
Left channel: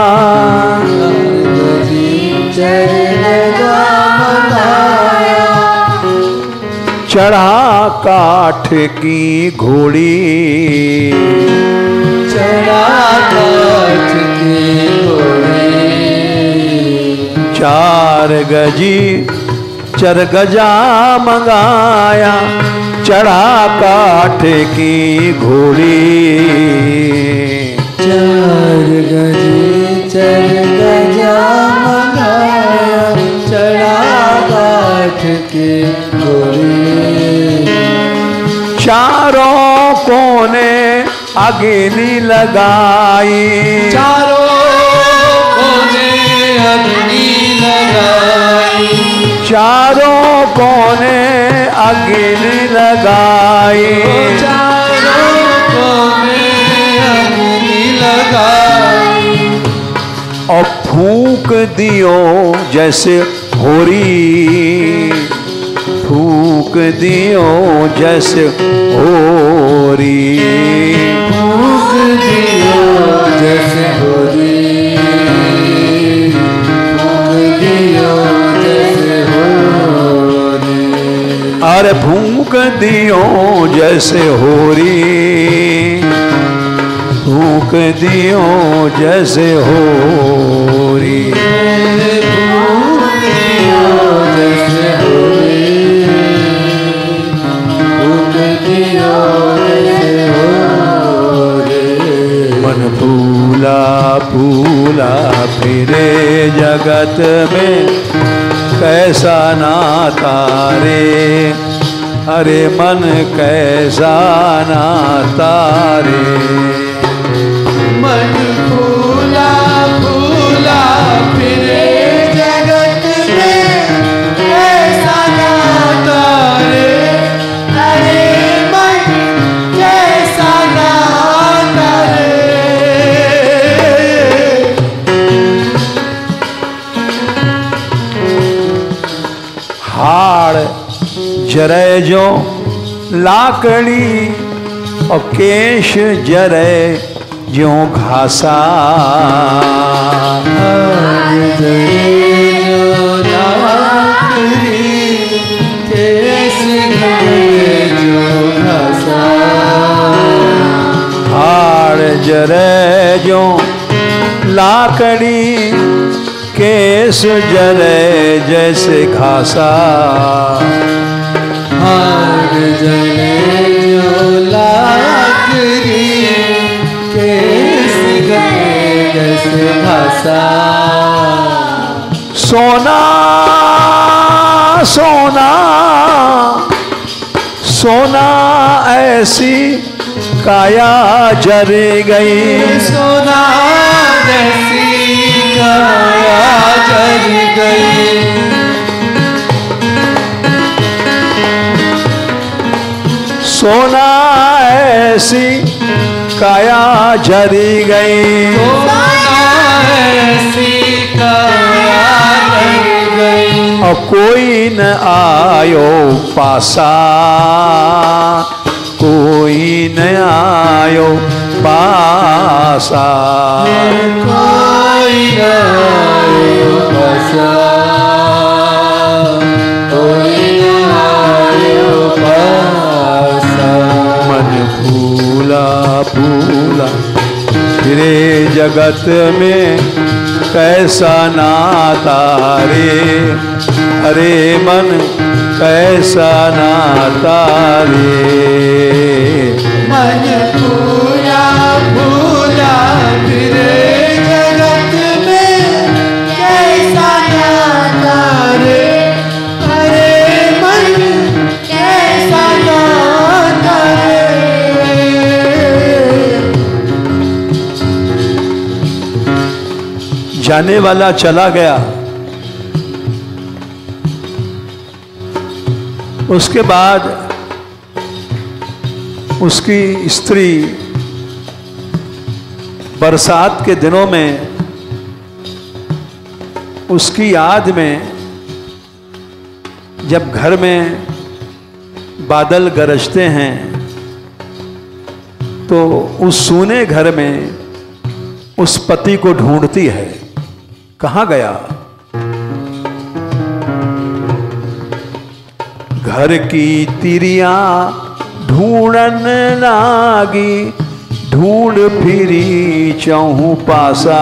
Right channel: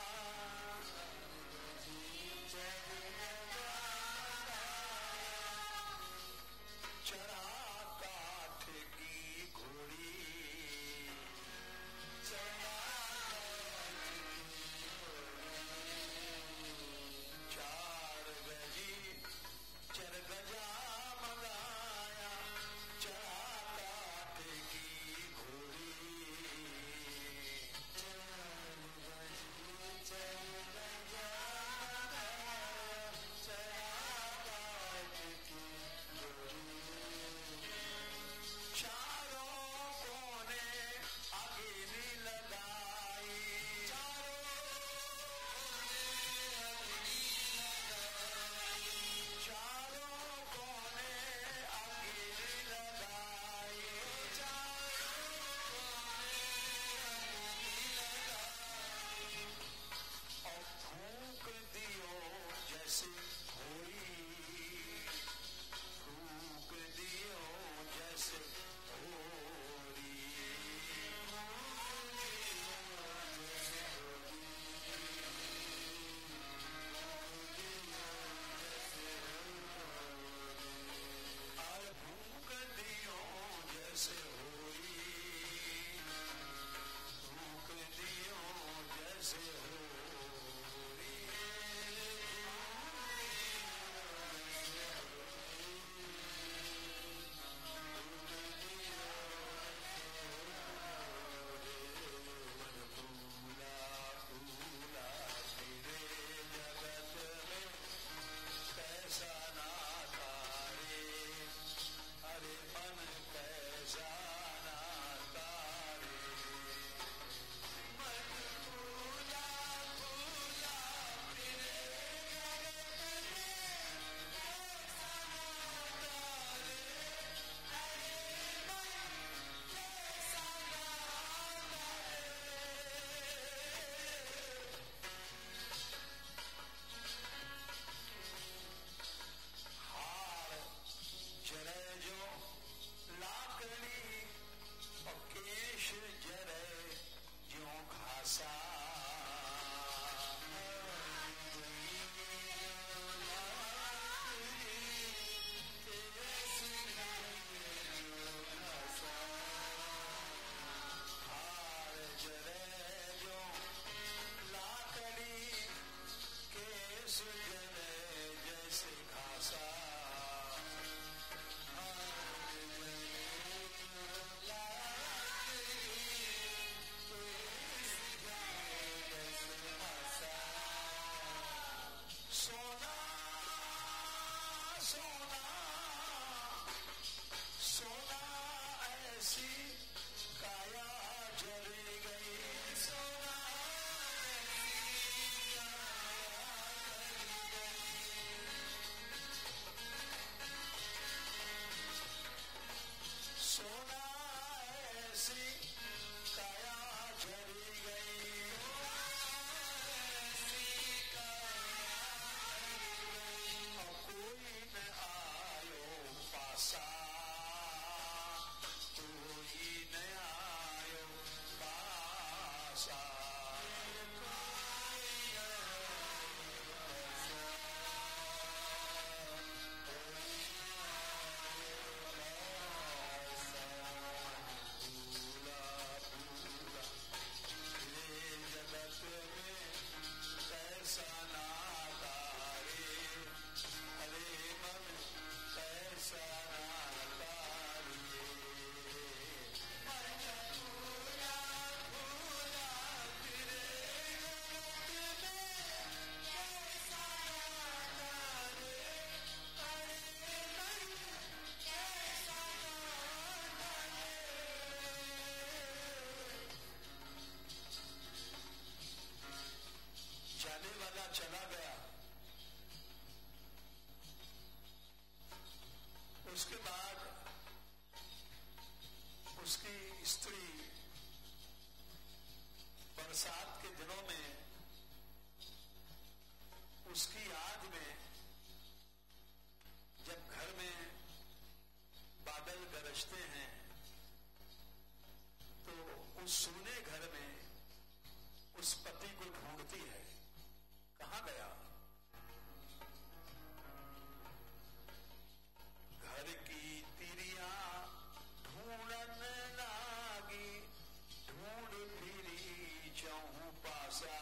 चढ़ा काठ की घोड़ी, चढ़ा काठ की घोड़ी। 4 गजी चरगजा मंगाया, चढ़ा काठ की घोड़ी। 4 गजी चरगजा मंगाया, चढ़ा काठ की घोड़ी। चारों कोने अग्नि लगाई, चारों कोने अग्नि लगाई, चारों कोने अग्नि लगाई। चारों कोने अग्नि लगाई। और फूंक दियो जैसे होरी, फूंक दियो जैसे होरी, फूंक दियो जैसे होरी, फूंक दियो जैसे होरी। अरे फूंक दियो जैसे होरी, फूंक दियो जैसे होरी। फूला फिरे जगत में कैसा नाता रे, अरे मन कैसा नाता रे। मन फूला फूला फिरे जगत में कैसा नाता रे, अरे मन कैसा नाता रे। हाड़ जरे जो लाकड़ी और केश जरे जो घासा, हाड़ जरे जो लाकड़ी केस जरे जैसे घासा। हार जले जो लाकड़ी केस गए जैसे घासा। सोना सोना सोना ऐसी काया जर गई, सोना जैसी काया जल गई। सोना ऐसी काया जरी गई, सोना ऐसी काया जल गई। और कोई न आयो पासा, कोई न आयो पासा। कोई न आयो पासा, कोई न आयो पासा। मन फूला फूला फिरे जगत में कैसा नाता रे, अरे मन कैसा नाता रे। मन फूला फूला फिरे जगत में कैसा नाता रे, अरे मन कैसा नाता रे। जाने वाला चला गया, उसके बाद उसकी स्त्री बरसात के दिनों में उसकी याद में जब घर में बादल गरजते हैं तो उस सूने घर में उस पति को ढूंढती है। कहाँ गया? घर की तिरियां ढूंढन लागी, ढूंढ फिरी चहु पासा।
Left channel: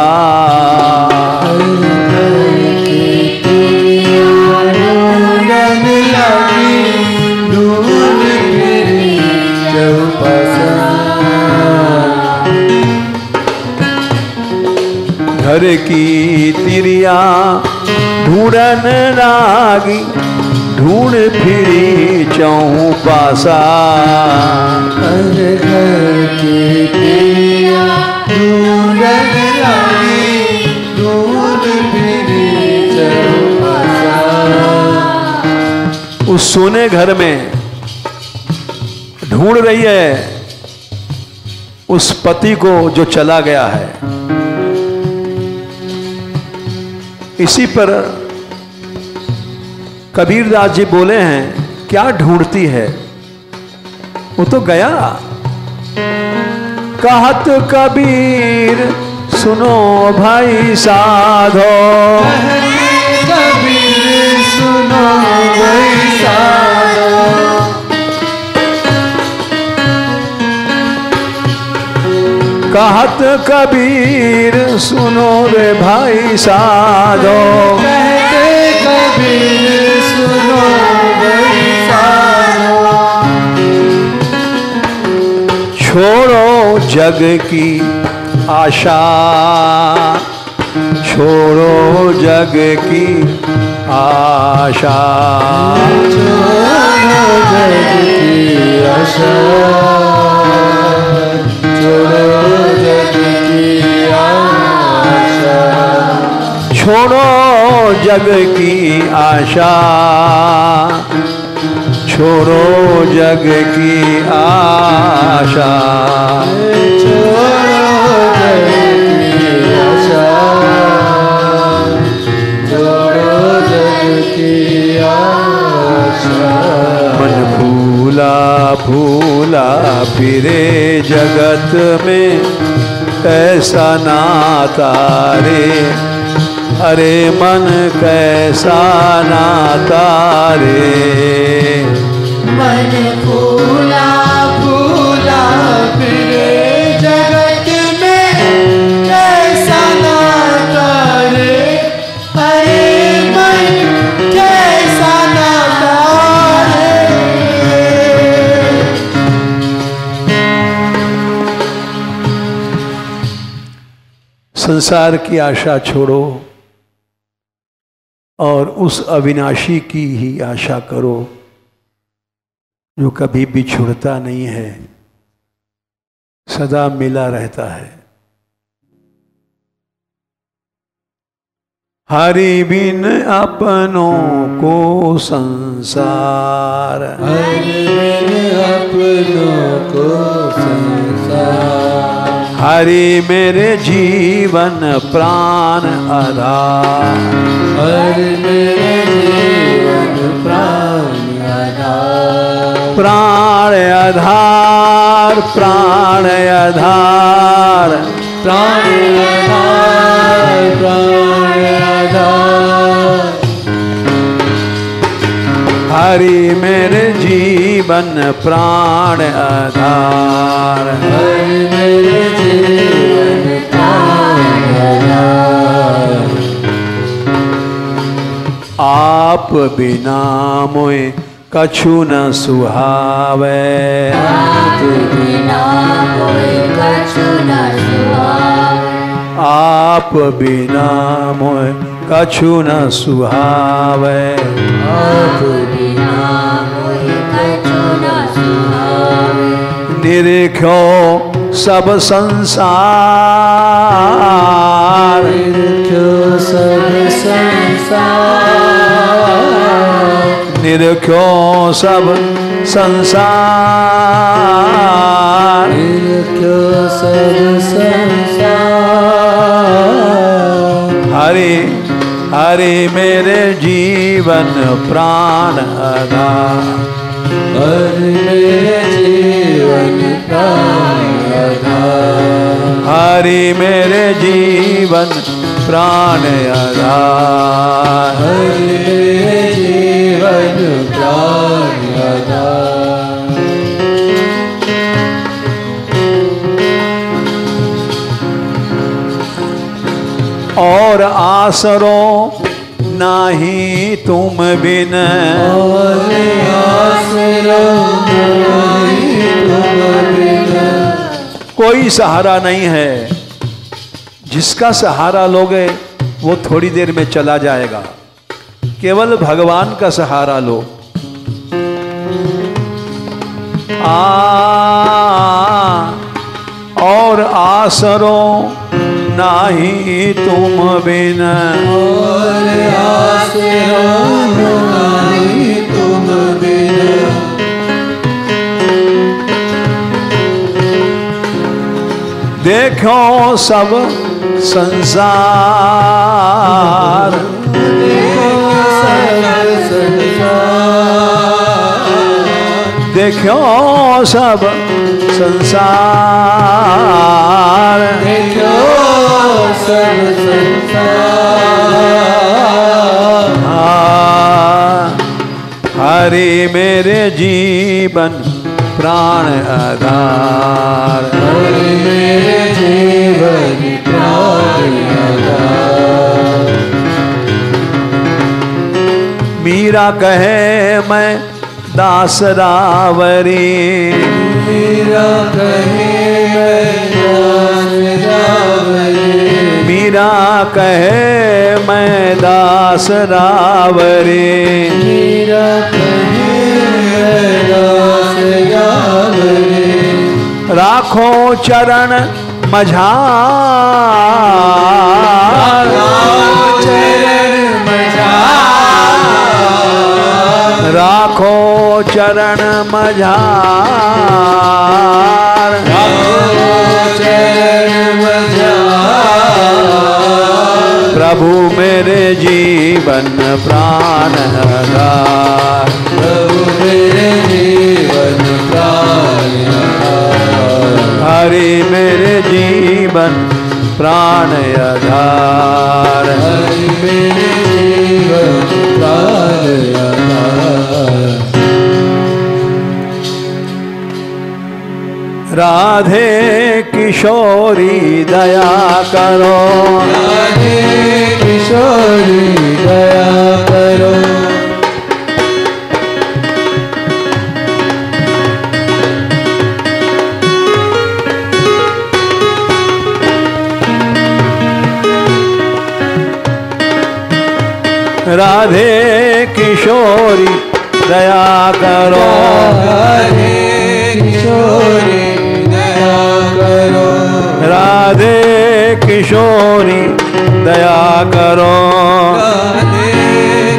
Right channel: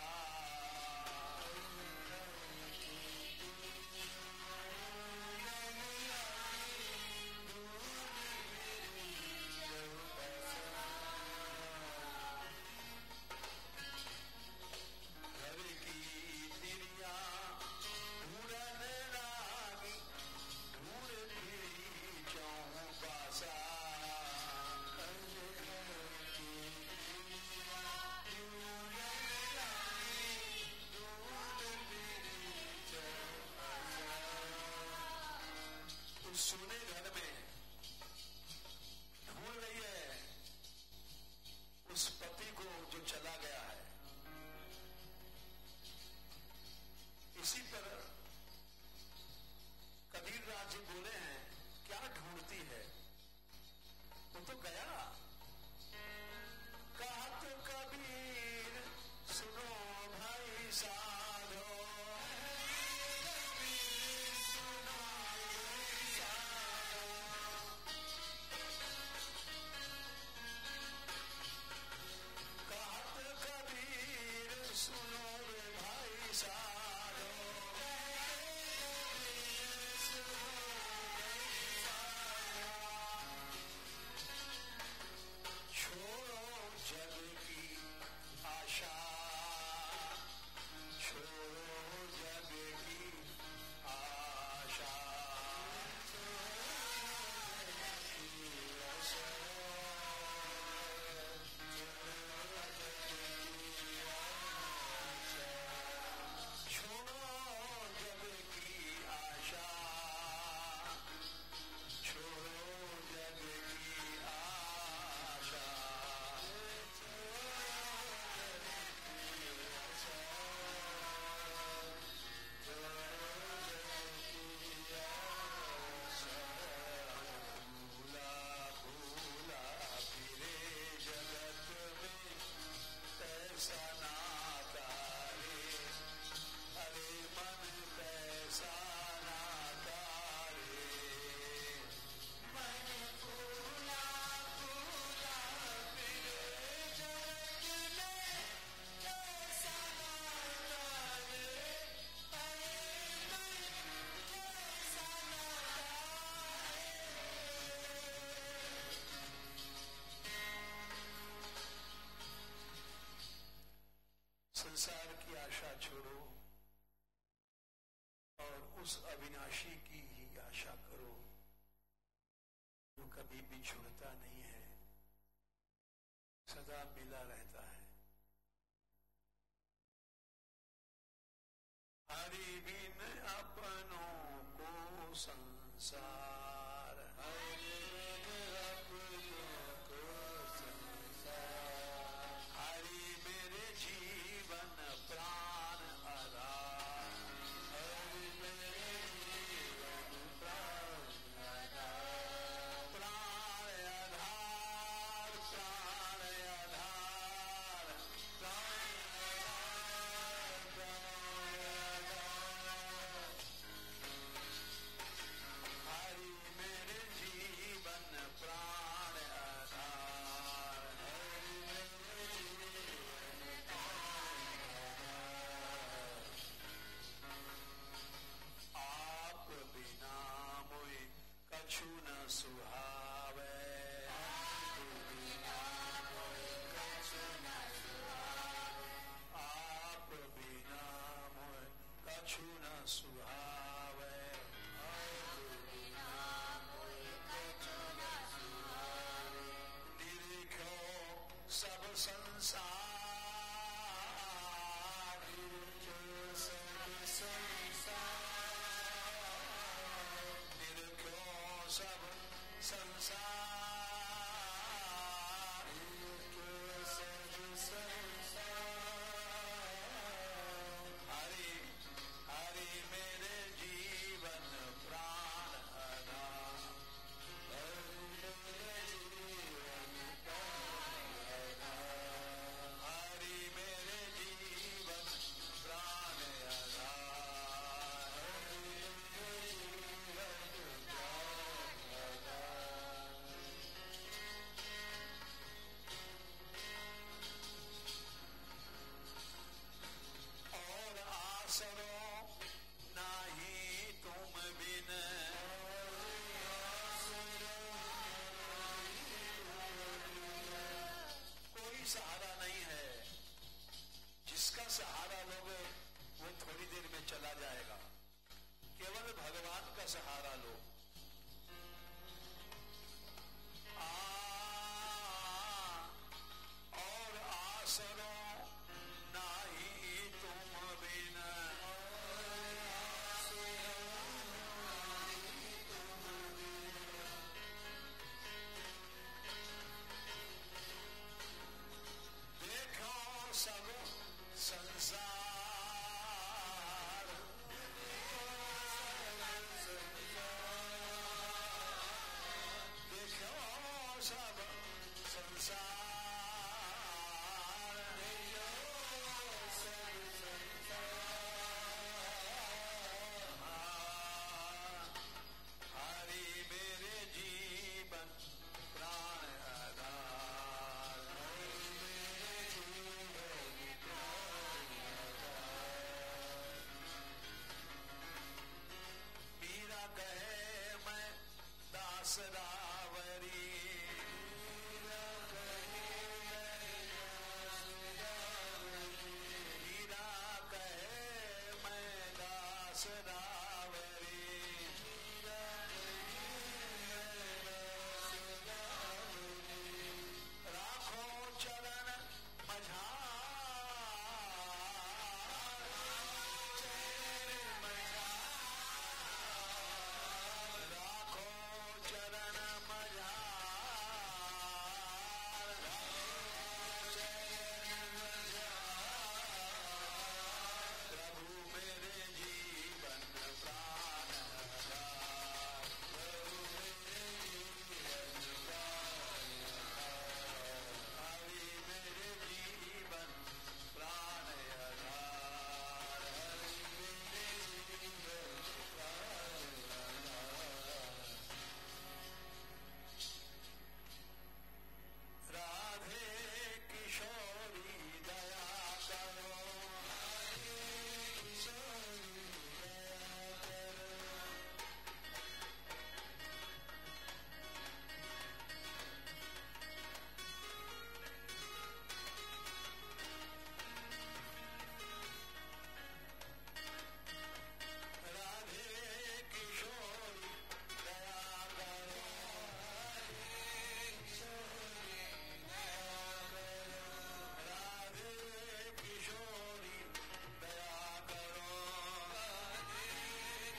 घर की तिरिया ढूंढन लागी, ढूंढ फिरी चहु पासा। घर की तिरिया ढूंढन लागी, ढूंढ फिरी चहु पासा। उस सोने घर में ढूंढ रही है उस पति को जो चला गया है। इसी पर कबीरदास जी बोले हैं, क्या ढूंढती है? वो तो गया। कहत कबीर सुनो भाई साधो, कबीर सुनो भाई साधो। कहत कबीर सुनो रे भाई साधो, कहते कबीर सुनो भाई साधो। छोड़ो जग की आशा, छोड़ो जग की आशा, छोड़ो जग की आशा, छोड़ो जग की आशा। छोड़ो जग की आशा, छोड़ो जग की आशा। छोड़ो जग की आशा, छोड़ो जग की आशा। मन फूला फूला फिरे जगत में, कैसा नाता रे, अरे मन कैसा नाता रे। मन फूला फूला फिरे जगत में, कैसा नाता रे, अरे मन कैसा नाता रे। संसार की आशा छोड़ो और उस अविनाशी की ही आशा करो जो कभी भी छूटता नहीं है, सदा मिला रहता है। हरि बिन अपनों को संसार, हरि बिन अपनों को संसार। हरि मेरे जीवन प्राण आधार, हरि मेरे जीवन प्राण आधार। प्राण आधार, प्राण आधार, प्राण आधार, प्राण आधार। हरि मेरे जीवन प्राण आधार। हरि मेरे जीवन प्राण आधार। आप बिना मोए कछु न सुहावे, आप बिना मोए कछु न सुहावे। आप बिना मोए कछु न सुहावे। आप बिना मोए कछु न सुहावे। निरख्यो सब संसार, निरख्यो सब संसार। निरख्यो देखो सब संसार, देखो सब संसार। हरि हरि मेरे जीवन प्राण आधार, हरि मेरे जीवन प्राण आधार। हरि मेरे जीवन प्राण आधार, हरि मेरे जीवन प्राण आधार। और आसरो नाही तुम बिन, और आसरो नहीं तुम बिन। कोई सहारा नहीं है। जिसका सहारा लोगे वो थोड़ी देर में चला जाएगा। केवल भगवान का सहारा लो। और आसरो नाही तुम बिन, और आसरो नहीं तुम बिन। देखो सब संसार, देखो सब संसार, देखो सब संसार। हरि मेरे जीवन प्राण आधार, हरि मेरे जीवन प्राण आधार। मीरा कहे मैं दास रावरी, मीरा कहे मैं दास रावरी। मीरा कहे मैं दास रावरी, मीरा कहे मैं दास रावरी। राखो चरण मझार, राखो चरण मझार, प्रभु मेरे जीवन प्राण आधार, प्रभु मेरे जीवन प्राण आधार। हरि मेरे जीवन प्राण आधार, हरि मेरे जीवन प्राण आधार। राधे किशोरी दया करो, राधे किशोरी दया करो। राधे किशोरी दया करो, राधे किशोरी दया करो। राधे किशोरी दया करो, राधे किशोरी दया करो। राधे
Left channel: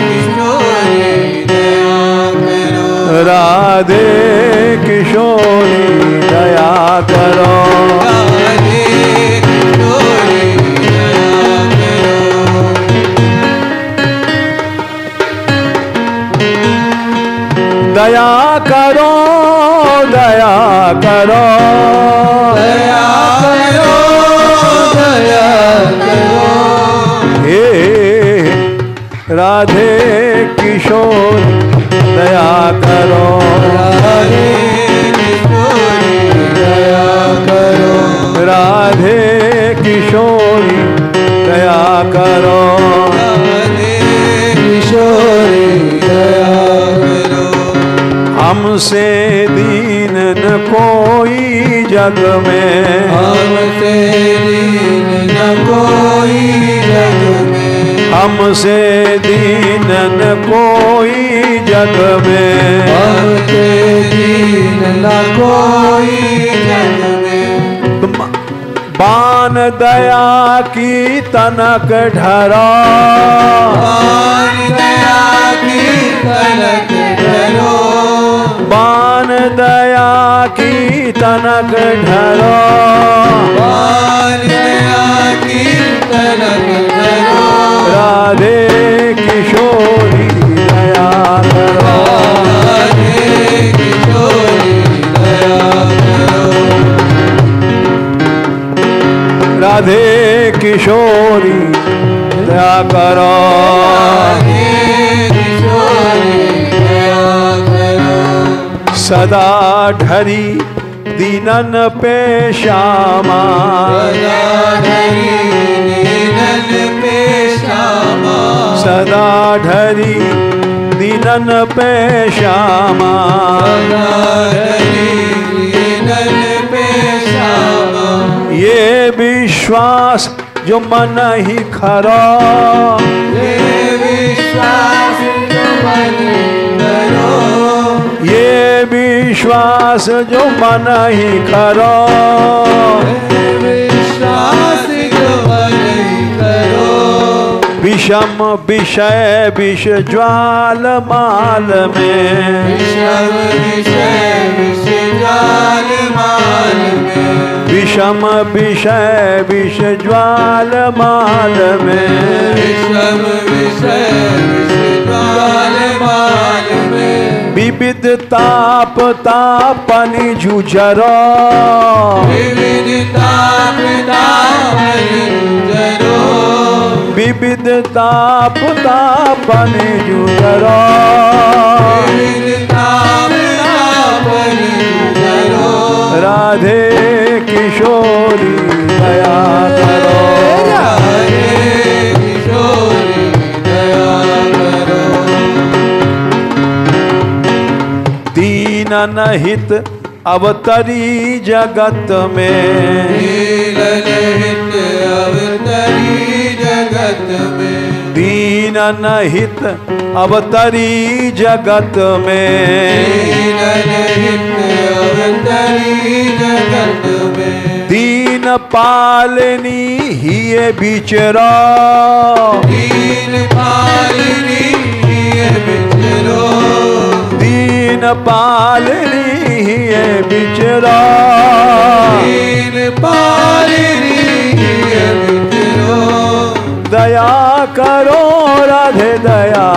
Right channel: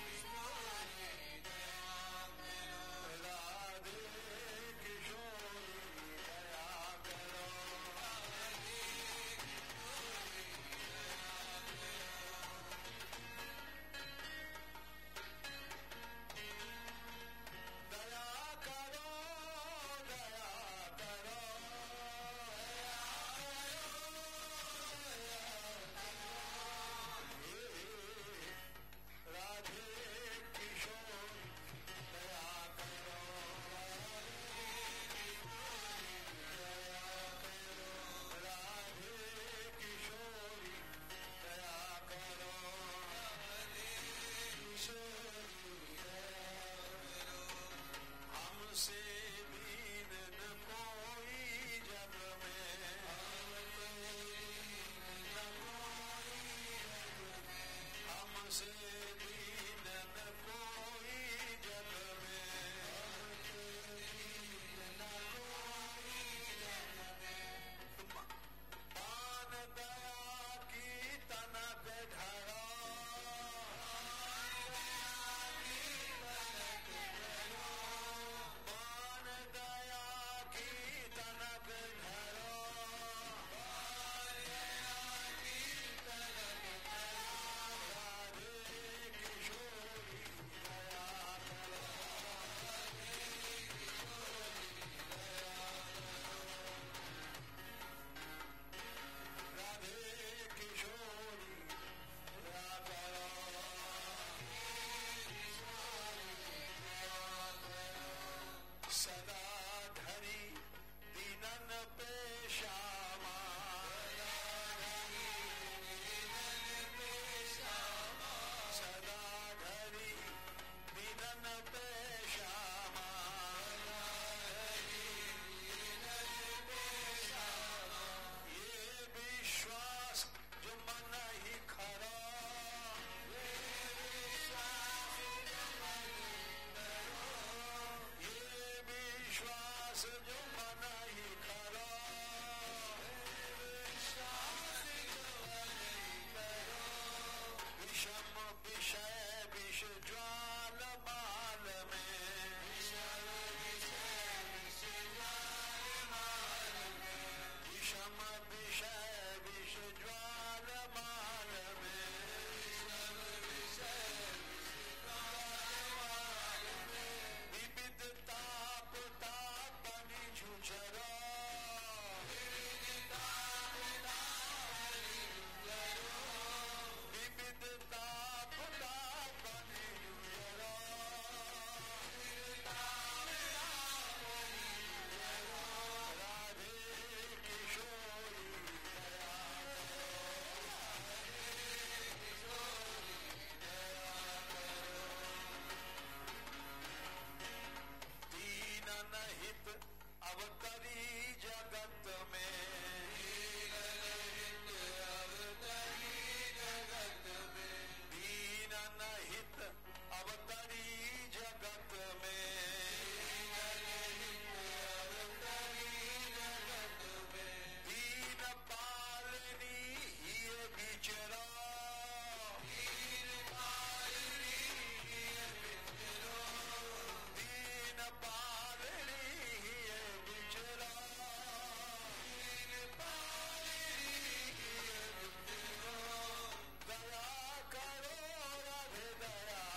किशोरी दया करो, राधे किशोरी दया करो। दया करो, दया करो, दया करो, दया करो। हे राधे किशोरी दया करो, राधे किशोरी दया करो। राधे किशोरी दया करो, राधे किशोरी दया करो। हमसे दीन न कोई जग में, हमसे दीन न कोई जग में। हमसे दीन न कोई जग में, हमसे दीन न कोई जग में। बान दया की तनक ढरा, बान दया की तनक ढरा। किशोरी दया करो। सदा ढरी दीनन पे श्यामा, सदा ढरी दीनन पे श्यामा, ये विश्वास जो मन ही खरा, ये विश्वास जो मन करो, ये विश्वास जो मन ही खरा, विश्वास जो मन ही करो। विषम विषय विष ज्वाल माल में, विषम विषय विष ज्वाल माल में, विषम विषय विष ज्वाल माल में, विषम विषय विष ज्वाल माल में, विविध ताप तापनि जुझरो, विविध ताप तापनि जुझरो, विविध ताप तापनि जुझरो, विविध ताप तापनि जुझरो। राधे किशोरी दया करो, राधे किशोरी दया करो। दीनन हित अवतरी जगत में, दीनन हित अवतरी जगत में, दीनन हित अवतरी जगत में, दीनन हित अवतरी जगत में, दीन पालनी ही ये बिचरा, दीन पालनी ही ये बिचरो, दीन पालनी ही ये बिचरा, दीन पालनी ही ये बिचरो। दया करो राधे दया